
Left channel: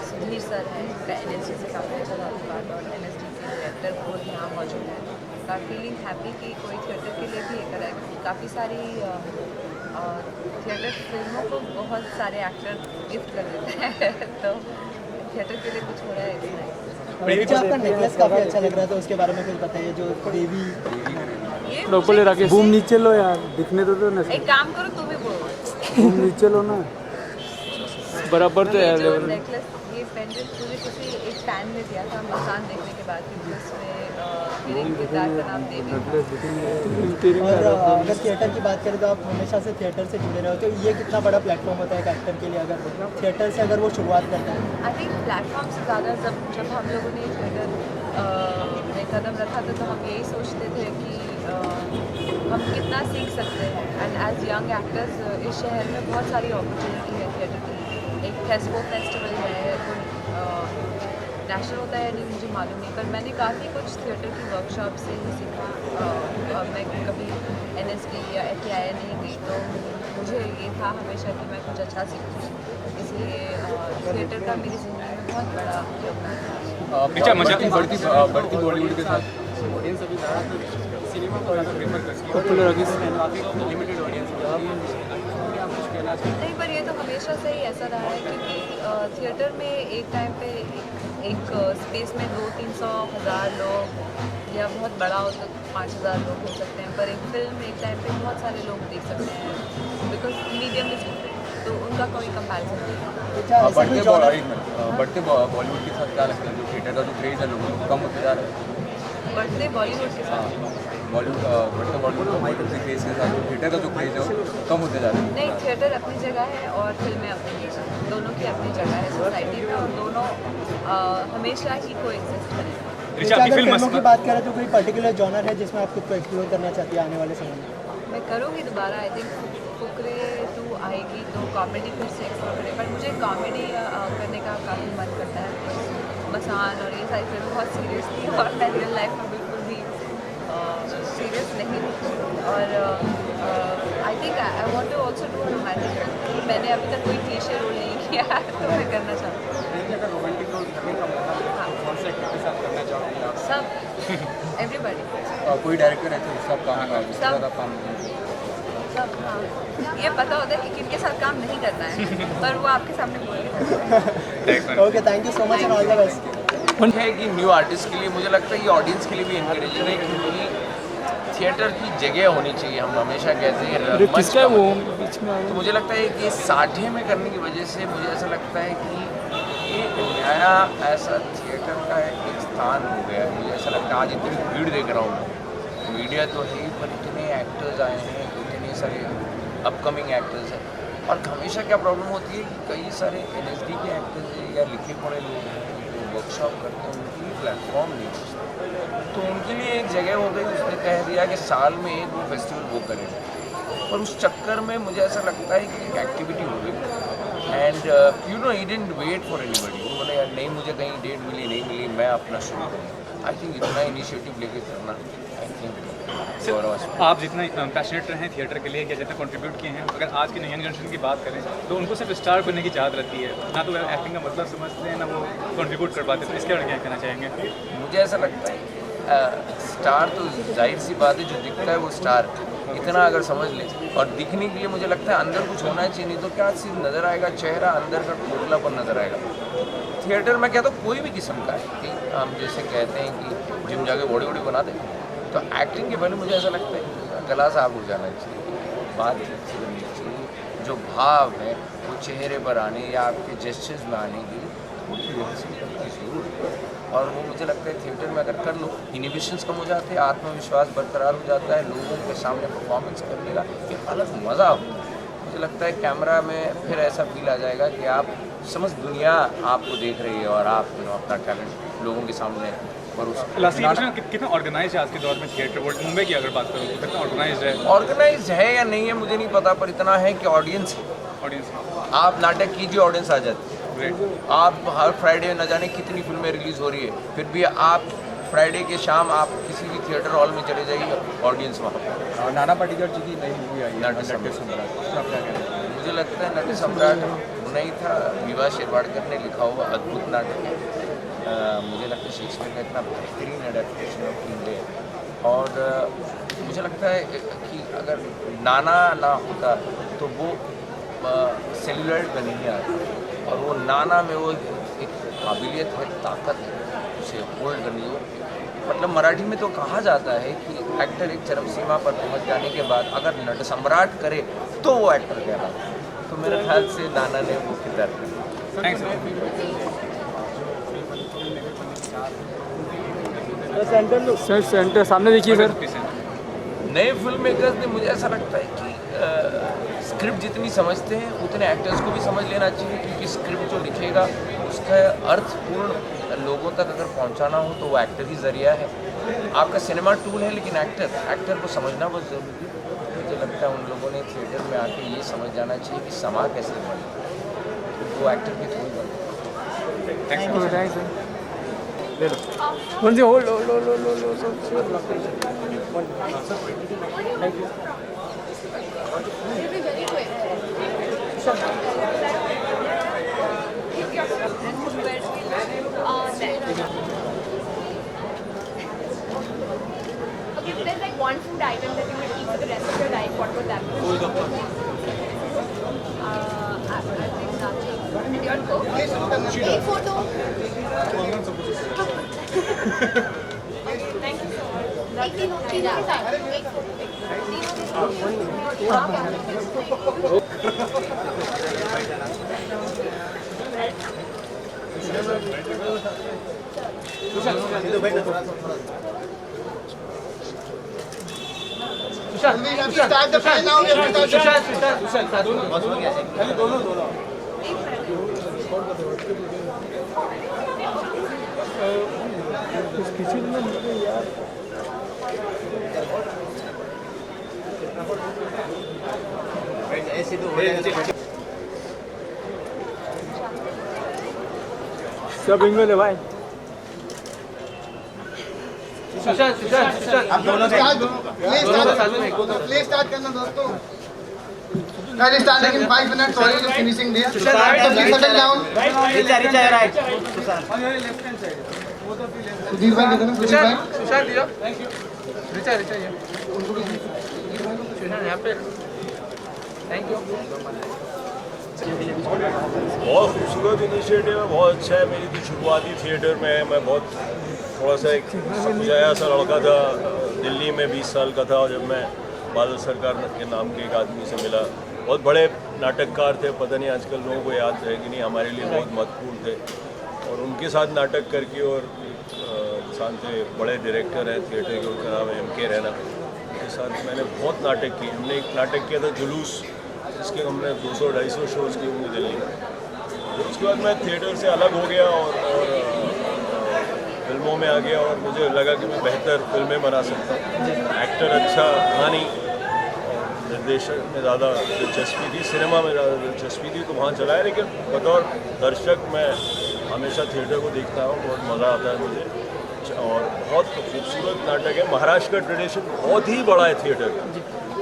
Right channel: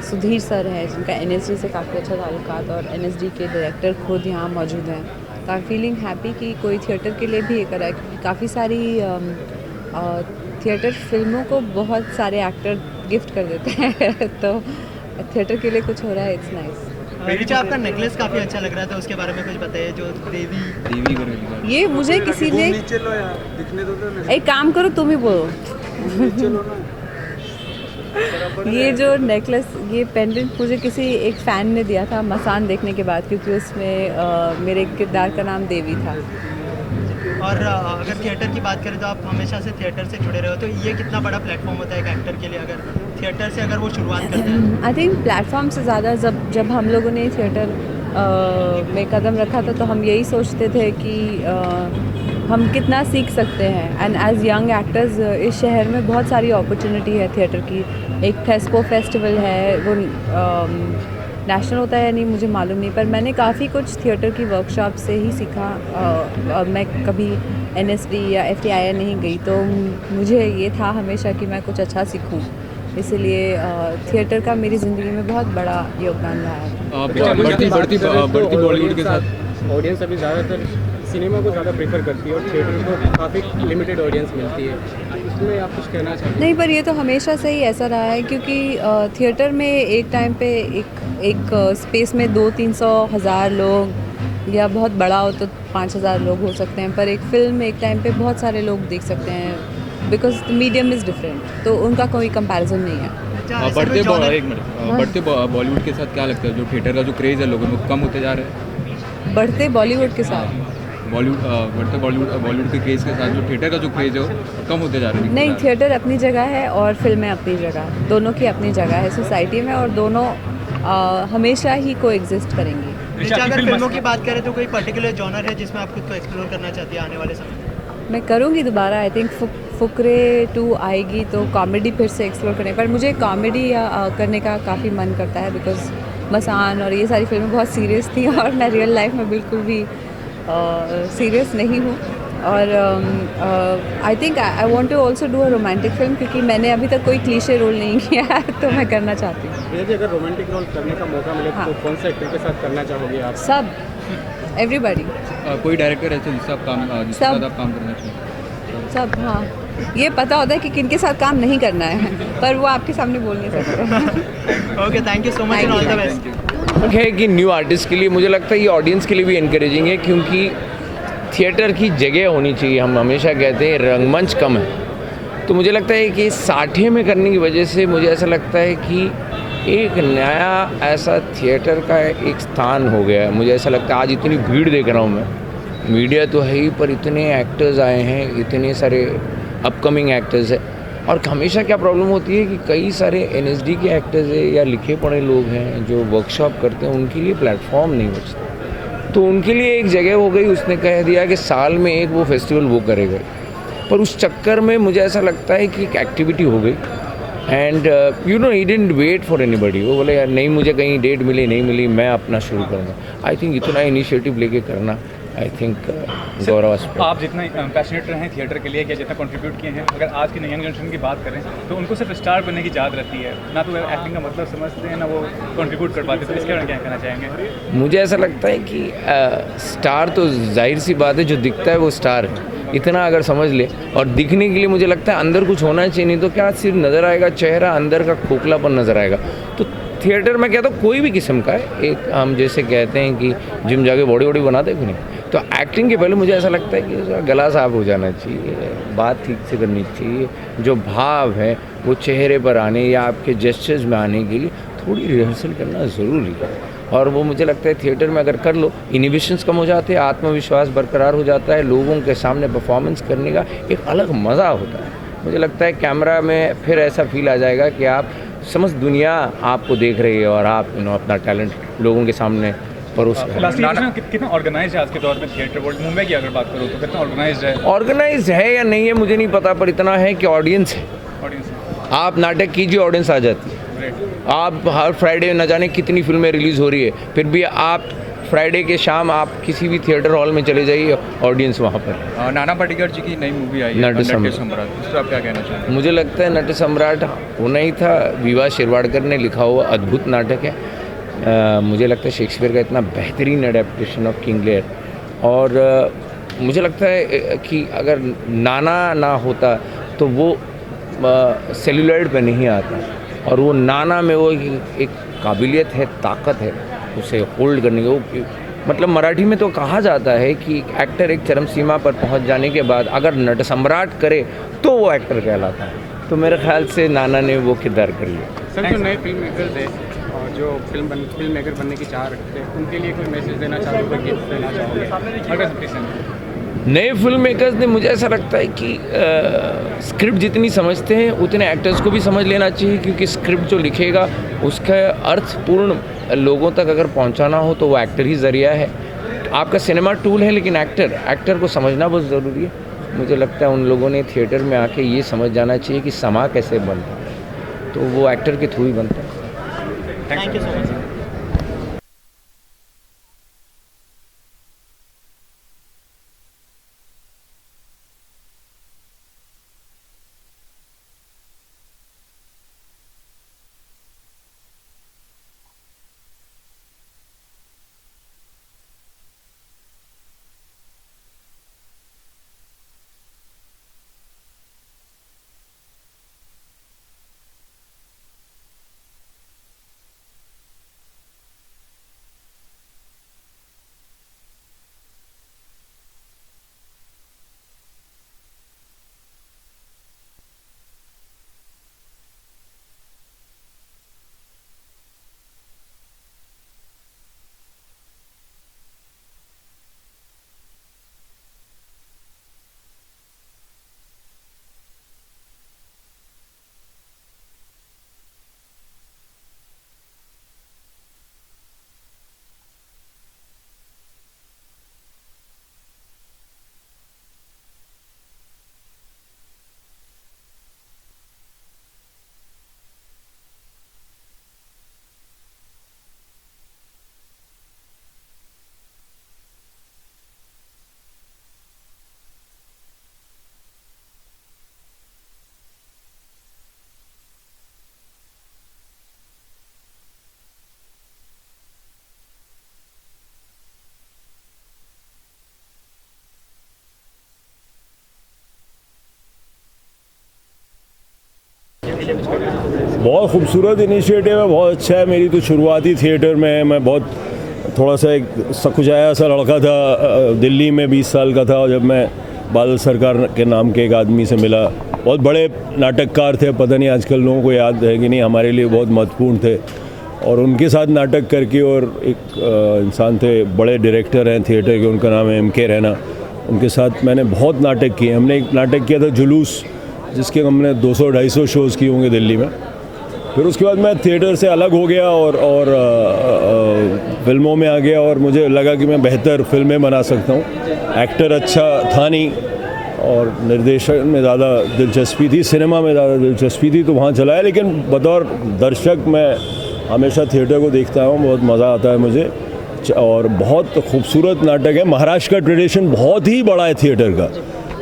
सुधीर सर हैं जिनका NSD से काफ़ी अच्छा ताल्लुकात, और NSD के डायरेक्टर खुद यहाँ मौजूद हैं। तो आई फीलिंग हैप्पी कि कोई थिएटर के लिए भी ये करा है, क्योंकि काफ़ी सारी थिएटर फिल्मों को बहुत सारे एक्टर गिफ्ट कर देते हैं तो थिएटर के लिए कुछ हो रहा है, इट्स नाइस। आपका नेकलेस काफ़ी अच्छा लग रहा था, उसके बारे में कुछ बताइए। जो देवी ये मुझे किसी ने नीचे लो यार, दिखने दो ना। एक काम करो, तुम ही बोलो। नीचे लो ना बराबर। ये जो नेकलेस, ये पेंडेंट मुझे किसी एक फ़ैन ने दिया था मसान देखने के बाद, क्योंकि उसमें मेरे किरदार का नाम देवी था। और अगर थिएटर की बात करें तो आप हमेशा से थिएटर से जुड़े रहे हो, तो ये कितना बड़ा प्लेटफॉर्म होता है एक एक्टर के लिए अगर थिएटर से अगर वो शुरुआत करते हैं? आई थिंक प्लेटफॉर्म से ज़्यादा जब हम लोगों ने थिएटर में कदम रखा था तो हम यही सोचते थे कि हम कितना सीख सकते हैं। एंड एज यंग एक्टर्स इस शहर में बहुत सारी अपॉर्चुनिटी है थिएटर की। एक थेस्को फेस्टिवल है, वो नेशनल होता है या नहीं मुझे मालूम नहीं, पर मैंने काफ़ी कुछ थिएटर की वर्कशॉप से ही सीखा। मैं कभी NSD या FTII नहीं गई, तो मुझे ये था हमेशा कि मैं कुछ अच्छा सीखूं, इसलिए थिएटर का मेरी ज़िंदगी में बहुत बड़ा योगदान रहा है। बढ़ती बॉलीवुड के साथ ऑडियंस अभी ज़्यादातर सिनेमा को ज़्यादा प्रेफर करती है और काफ़ी लिमिटेड ऑडियंस मिलती है, इसमें आप कुछ कहना चाहते हैं? नहीं, पर ये तो हमेशा से ही ऐसा रहा है, क्योंकि थिएटर में एक टाइम पे एक स्पेस में 200-300 हज़ार लोग, या बहुत बड़ा हो तो 5000 लोग हो सकते हैं, पर एक फिल्म एक टाइम पे बहुत सारे लोग देख सकते हैं, because the medium is different, तो उनका कोई कंपैरिजन नहीं है। बढ़ते बॉलीवुड के साथ क्या लगता है, जो थिएटर का जो क्रेज़ है लोगों को कम होते जा रहा है? बढ़ते बॉलीवुड के साथ बॉलीवुड के क्रेज़ के साथ जो थिएटर का जो क्रेज़ है वो कम होते जा रहा है? नहीं, थिएटर अपनी जगह है और फिल्में अपनी जगह है, दोनों की अपनी जगह है सोसाइटी में, और दोनों हमेशा ही को एग्जिस्ट करेंगी। ऋचा, अगर फिल्मों की बात करें तो कोई पर्टिकुलर जॉनर है जिसमें आप खुद को एक्सप्लोर करना चाहती है आने वाले समय में? मैं करूँगी दोबारा, आई थिंक फुकरे 2 आएगी तो कॉमेडी फिर से एक्सप्लोर करें, पर मुझे कॉमेडी करने का काफ़ी मन करता है, बिकॉज मसान और ये सारी फिल्में बहुत सीरियस थी और मैं रियल लाइफ में बिल्कुल भी सीरियस नहीं हूँ। और I think I want to also do a romantic film, क्योंकि मैंने अभी तक कोई क्लीशे रोल नहीं किया है तो मैं करना चाहती हूँ। अगर रोमांटिक रोल करने का मौका मिले तो कौन से एक्टर के साथ करना चाहोगे आप? सब, एवरीबडी, कोई डायरेक्टर है जिससे आप काम करना चाहिए? सब। हाँ, ये पता होता है कि किन के साथ काम नहीं करना है, पर वो आपके सामने बोल नहीं सकते। Okay, thank you so much and all the best. है कि न्यू आर्टिस्ट के लिए मुझे लगता है ये ऑडियंस के लिए भी इनकरेजिंग है, क्योंकि थिएटर की जगह होनी चाहिए। हम हमेशा कहते हैं रंगमंच कम है, तो मुझे लगता है कि 60 में करने की वजह से मुझे ऐसा लगता है कि एक नया ऐसा थिएटर का एक स्थान हो गया है। मुझे ऐसा लगता है आज इतनी भीड़ देख रहा हूँ मैं, मीडिया तो है ही, पर इतने एक्टर्स आए हैं, इतने सारे अपकमिंग एक्टर्स हैं, और हमेशा क्या प्रॉब्लम होती है कि कई सारे NSD के एक्टर्स हैं या लिखे पढ़े लोग हैं जो वर्कशॉप करते हैं, उनके लिए प्लेटफॉर्म नहीं बचता, तो उनके लिए एक जगह हो गई। उसने कह दिया कि साल में एक वो फेस्टिवल वो करेगा, पर उस चक्कर में मुझे ऐसा लगता है कि एक एक्टिविटी हो गई and you know he didn't wait for anybody. वो बोले यार नहीं, मुझे कहीं डेट मिली नहीं मिली, मैं अपना शुरू करूँगा। आई थिंक इतना इनिशिएटिव लेके करना, आई थिंक गौरवास्पद। आप जितने पैशनेट रहे हैं थिएटर के लिए, क्या जितना कंट्रीब्यूट किए हैं, अगर आज के यंग जनरेशन की बात करें तो उनको सिर्फ स्टार बनने की याद रहती है, ना तो एक्टिंग का मतलब समझते हैं, ना वो कंट्रीब्यूट कर पाते हैं। तो इसके लिए क्या कहना चाहेंगे? मुझे ऐसा लगता है कि स्टार तो जाहिर सी बात है, जो दिखता है वो स्टार है, इतना अगर समझ ले। और दिखने के लिए मुझे लगता है अंदर कुछ होना चाहिए, नहीं तो क्या सिर्फ नज़र आएगा चेहरा, अंदर का खोखलापन नज़र आएगा। तो थिएटर में कहता हूँ कोई भी किस्म का है, एक हम जैसे कहते हैं कि जिम जाके बॉडी वॉडी बनाते हैं, नहीं तो एक्टिंग के पहले मुझे ऐसा लगता है कि उसका गला साफ हो जाना चाहिए, बात ठीक से करनी चाहिए, जो भाव है वो चेहरे पर आने या आपके जेस्चर्स में आने के लिए थोड़ी रिहर्सल करना ज़रूरी है। और वो मुझे लगता है थिएटर में अगर कर लो, इनिबिशंस कम हो जाते हैं, आत्मविश्वास बरकरार हो जाता है, लोगों के सामने परफॉर्मेंस करने का एक अलग मज़ा होता है। मुझे लगता है कैमरा में फिर ऐसा फील आ जाएगा कि आप समझ दुनिया आपको देख रही है और आप अपना टैलेंट लोगों के सामने परोस रहे हैं। कितना ऑर्गेनाइज है आज के दौर में थिएटर वर्ल्ड? मुंबई की अगर बात करूँ तो कितना ऑर्गेनाइज है? ऑर्गेनाइज है या नहीं है मुझे नहीं पता, पर इतना है कि ऑडियंस है। आप नाटक कीजिए, ऑडियंस आ जाती है। आप हर फ्राइडे न जाने कितनी फिल्में रिलीज़ हो रही है, फिर भी आप फ्राइडे के शाम आप किसी भी थिएटर हॉल में चले जाइए, ऑडियंस वहाँ पर। नाना पाटेकर जी की नई मूवी आई है नट सम्राट, उस पर आप क्या कहना चाहेंगे? मुझे लगता है नट सम्राट होना ही था। विवाह शिरवाडकर ने लिखा हुआ अद्भुत नाटक है। मुझे लगता है शेक्सपियर का इतना बेहतरीन एडेप्टेशन ऑफ किंग लियर, और मुझे लगता है कि अगर नाना ना होता तो वो सेलुलॉइड पे नहीं आता, और वो नाना में वो एक काबिलियत है, ताकत है उसे होल्ड करने की। वो मतलब मराठी में तो कहा जाता है कि एक्टर एक चरम सीमा पर पहुंच जाने के बाद अगर नट सम्राट करे तो वो एक्टर कहलाता है। तो मेरे ख्याल से नाना ने वो किरदार कर लिया। सर, जो नए फिल्म मेकर्स हैं जो फिल्म मेकर बनने की चाह रखते हैं, उनके लिए कोई मैसेज देना चाहूँगा कि सर सेंटर सामने देखिए सर। नए फिल्म मेकर्स ने मुझे ऐसा लगता है कि स्क्रिप्ट जितनी समझते हैं उतने एक्टर्स को भी समझ लेना चाहिए, क्योंकि स्क्रिप्ट जो लिखेगा उसका अर्थपूर्ण लोगों तक अगर पहुंचाना हो तो वो एक्टर ही ज़रिया है। आपका सिनेमा टूल है, लेकिन एक्टर को समझना बहुत ज़रूरी है। मुझे लगता है उन लोगों ने थिएटर में आके ये समझ जाना चाहिए कि समा कैसे बनता है, तो वो एक्टर के थ्रू ही बनता है। Okay, if there's like one food item that you would eat for the rest of your life, what would that be? I think nothing. And your Coke? Take photo. Thank you so much. तीनों के साथ एक photo. Start the play now. We have to start. सब इनमें ले भाई Play start करना दोस्तों. Guys, starting in 5 minutes. Sorry, just finishing there. So please settle down. Sudhir भाई किधर हैं? सुधीर भाई. बहुत खूबसूरत इनिशिएटिव है, बहुत अच्छा है. मेरी तो शुरुआती थिएटर में मैं बहुत थोड़ा सा एक सकुचाया सा लड़का था. दिल्ली में 20 साल का था जब मैं बादल सरकार के नाम के एक आदमी से मिला. बहुत बड़े नाटककार थे, पता नहीं आजकल लोगों को याद है कि नहीं, हमारे लिए बहुत महत्वपूर्ण थे. और उनके साथ नाटक करके, और एक इंसान थे, बड़े डायरेक्टर हैं थिएटर के, उनका नाम है MK रैना. उनके साथ मैंने बहुत नाटक किए. हमने एक नाटक किया था जुलूस, जिसके हमने 200-250 शोज़ किए होंगे दिल्ली में. फिर उसके बाद मैं थिएटर से अलग हो गया और फिल्मों में आ गया, और मुझे लगा कि मैं बेहतर फिल्में बना सकता हूँ. एक्टर अच्छा था नहीं, और निर्देशन में ज़्यादा दिलचस्पी थी, सिनेमा में ज़्यादा दिलचस्पी थी, तो वहाँ चला है. लेकिन बतौर दर्शक मैं हमेशा थिएटर को देखता हूँ, बहुत मज़ा आता है मुझे. और बहुत खूबसूरत नाटक है. महाराष्ट्र का ट्रेडिशन बहुत ही बड़ा है थिएटर का.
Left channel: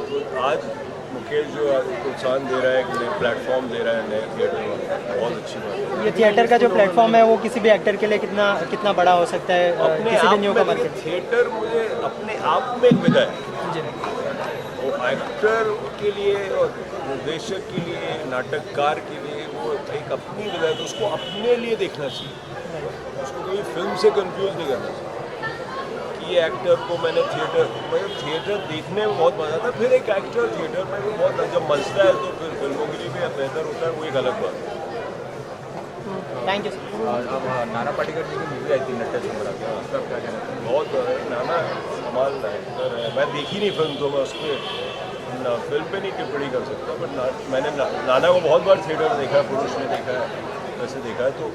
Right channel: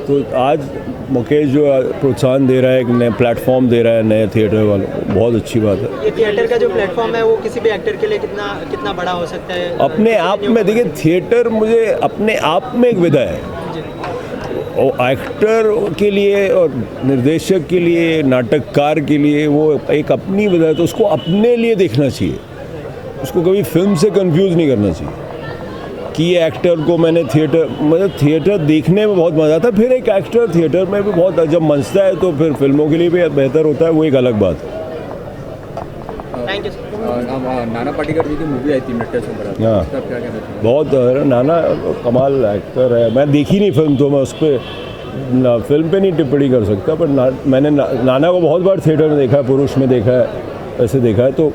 तो आज मुकेश जो प्रोत्साहन दे रहा है, एक नए प्लेटफॉर्म दे रहा है नए थिएटर वालों को, बहुत अच्छी बात है. ये थिएटर का जो प्लेटफॉर्म है वो किसी भी एक्टर के लिए कितना बड़ा हो सकता है अपने आप में. देखिए, थिएटर मुझे अपने आप में एक विधा है. और एक्टर के लिए और निर्देशक के लिए, नाटककार के लिए वो एक अपनी विधा है. तो उसको अपने लिए देखना चाहिए, उसको कभी फिल्म से कंफ्यूज नहीं करना चाहिए कि ये एक्टर को मुझे थिएटर देखने में बहुत मज़ा आता है. फिर एक एक्टर थिएटर में भी बहुत जब मंचता है तो फिर फिल्मों के लिए भी बेहतर होता है, वो एक अलग बात है. नाना पाटेकर जी की मूवी आई थी मिस्टर शंकर. हाँ, बहुत नाना कमाल एक्टर है. मैं देखी नहीं फिल्म, तो मैं उस पर फिल्म पे नहीं टिप्पणी कर सकता. पर मैंने नाना को बहुत बार थिएटर में देखा है, पुरुष में देखा है, वैसे देखा है. तो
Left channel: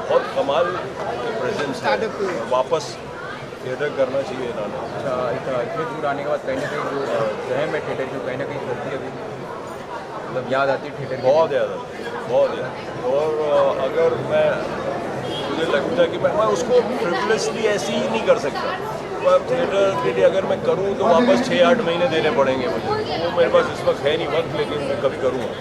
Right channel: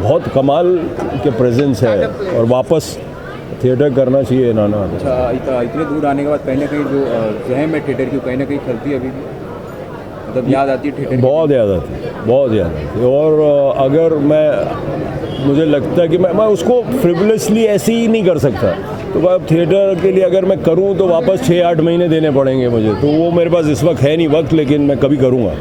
बहुत कमाल के प्रेजेंस है, और वापस थिएटर करना चाहिए नाना. अच्छा, इतने दूर आने के बाद कहीं ना कहीं जो है मैं थिएटर की कहीं ना कहीं खलती है अभी, मतलब याद आती है थिएटर. बहुत याद आती है, बहुत याद आती है. और अगर मुझे लगता है कि मैं उसको फ्रिवलेसली ऐसे ही नहीं कर सकता. तो अब थिएटर के लिए अगर मैं करूं तो वापस 6-8 महीने देने पड़ेंगे मुझे. तो वो मेरे पास इस वक्त है नहीं वक्त, लेकिन मैं कभी करूँगा.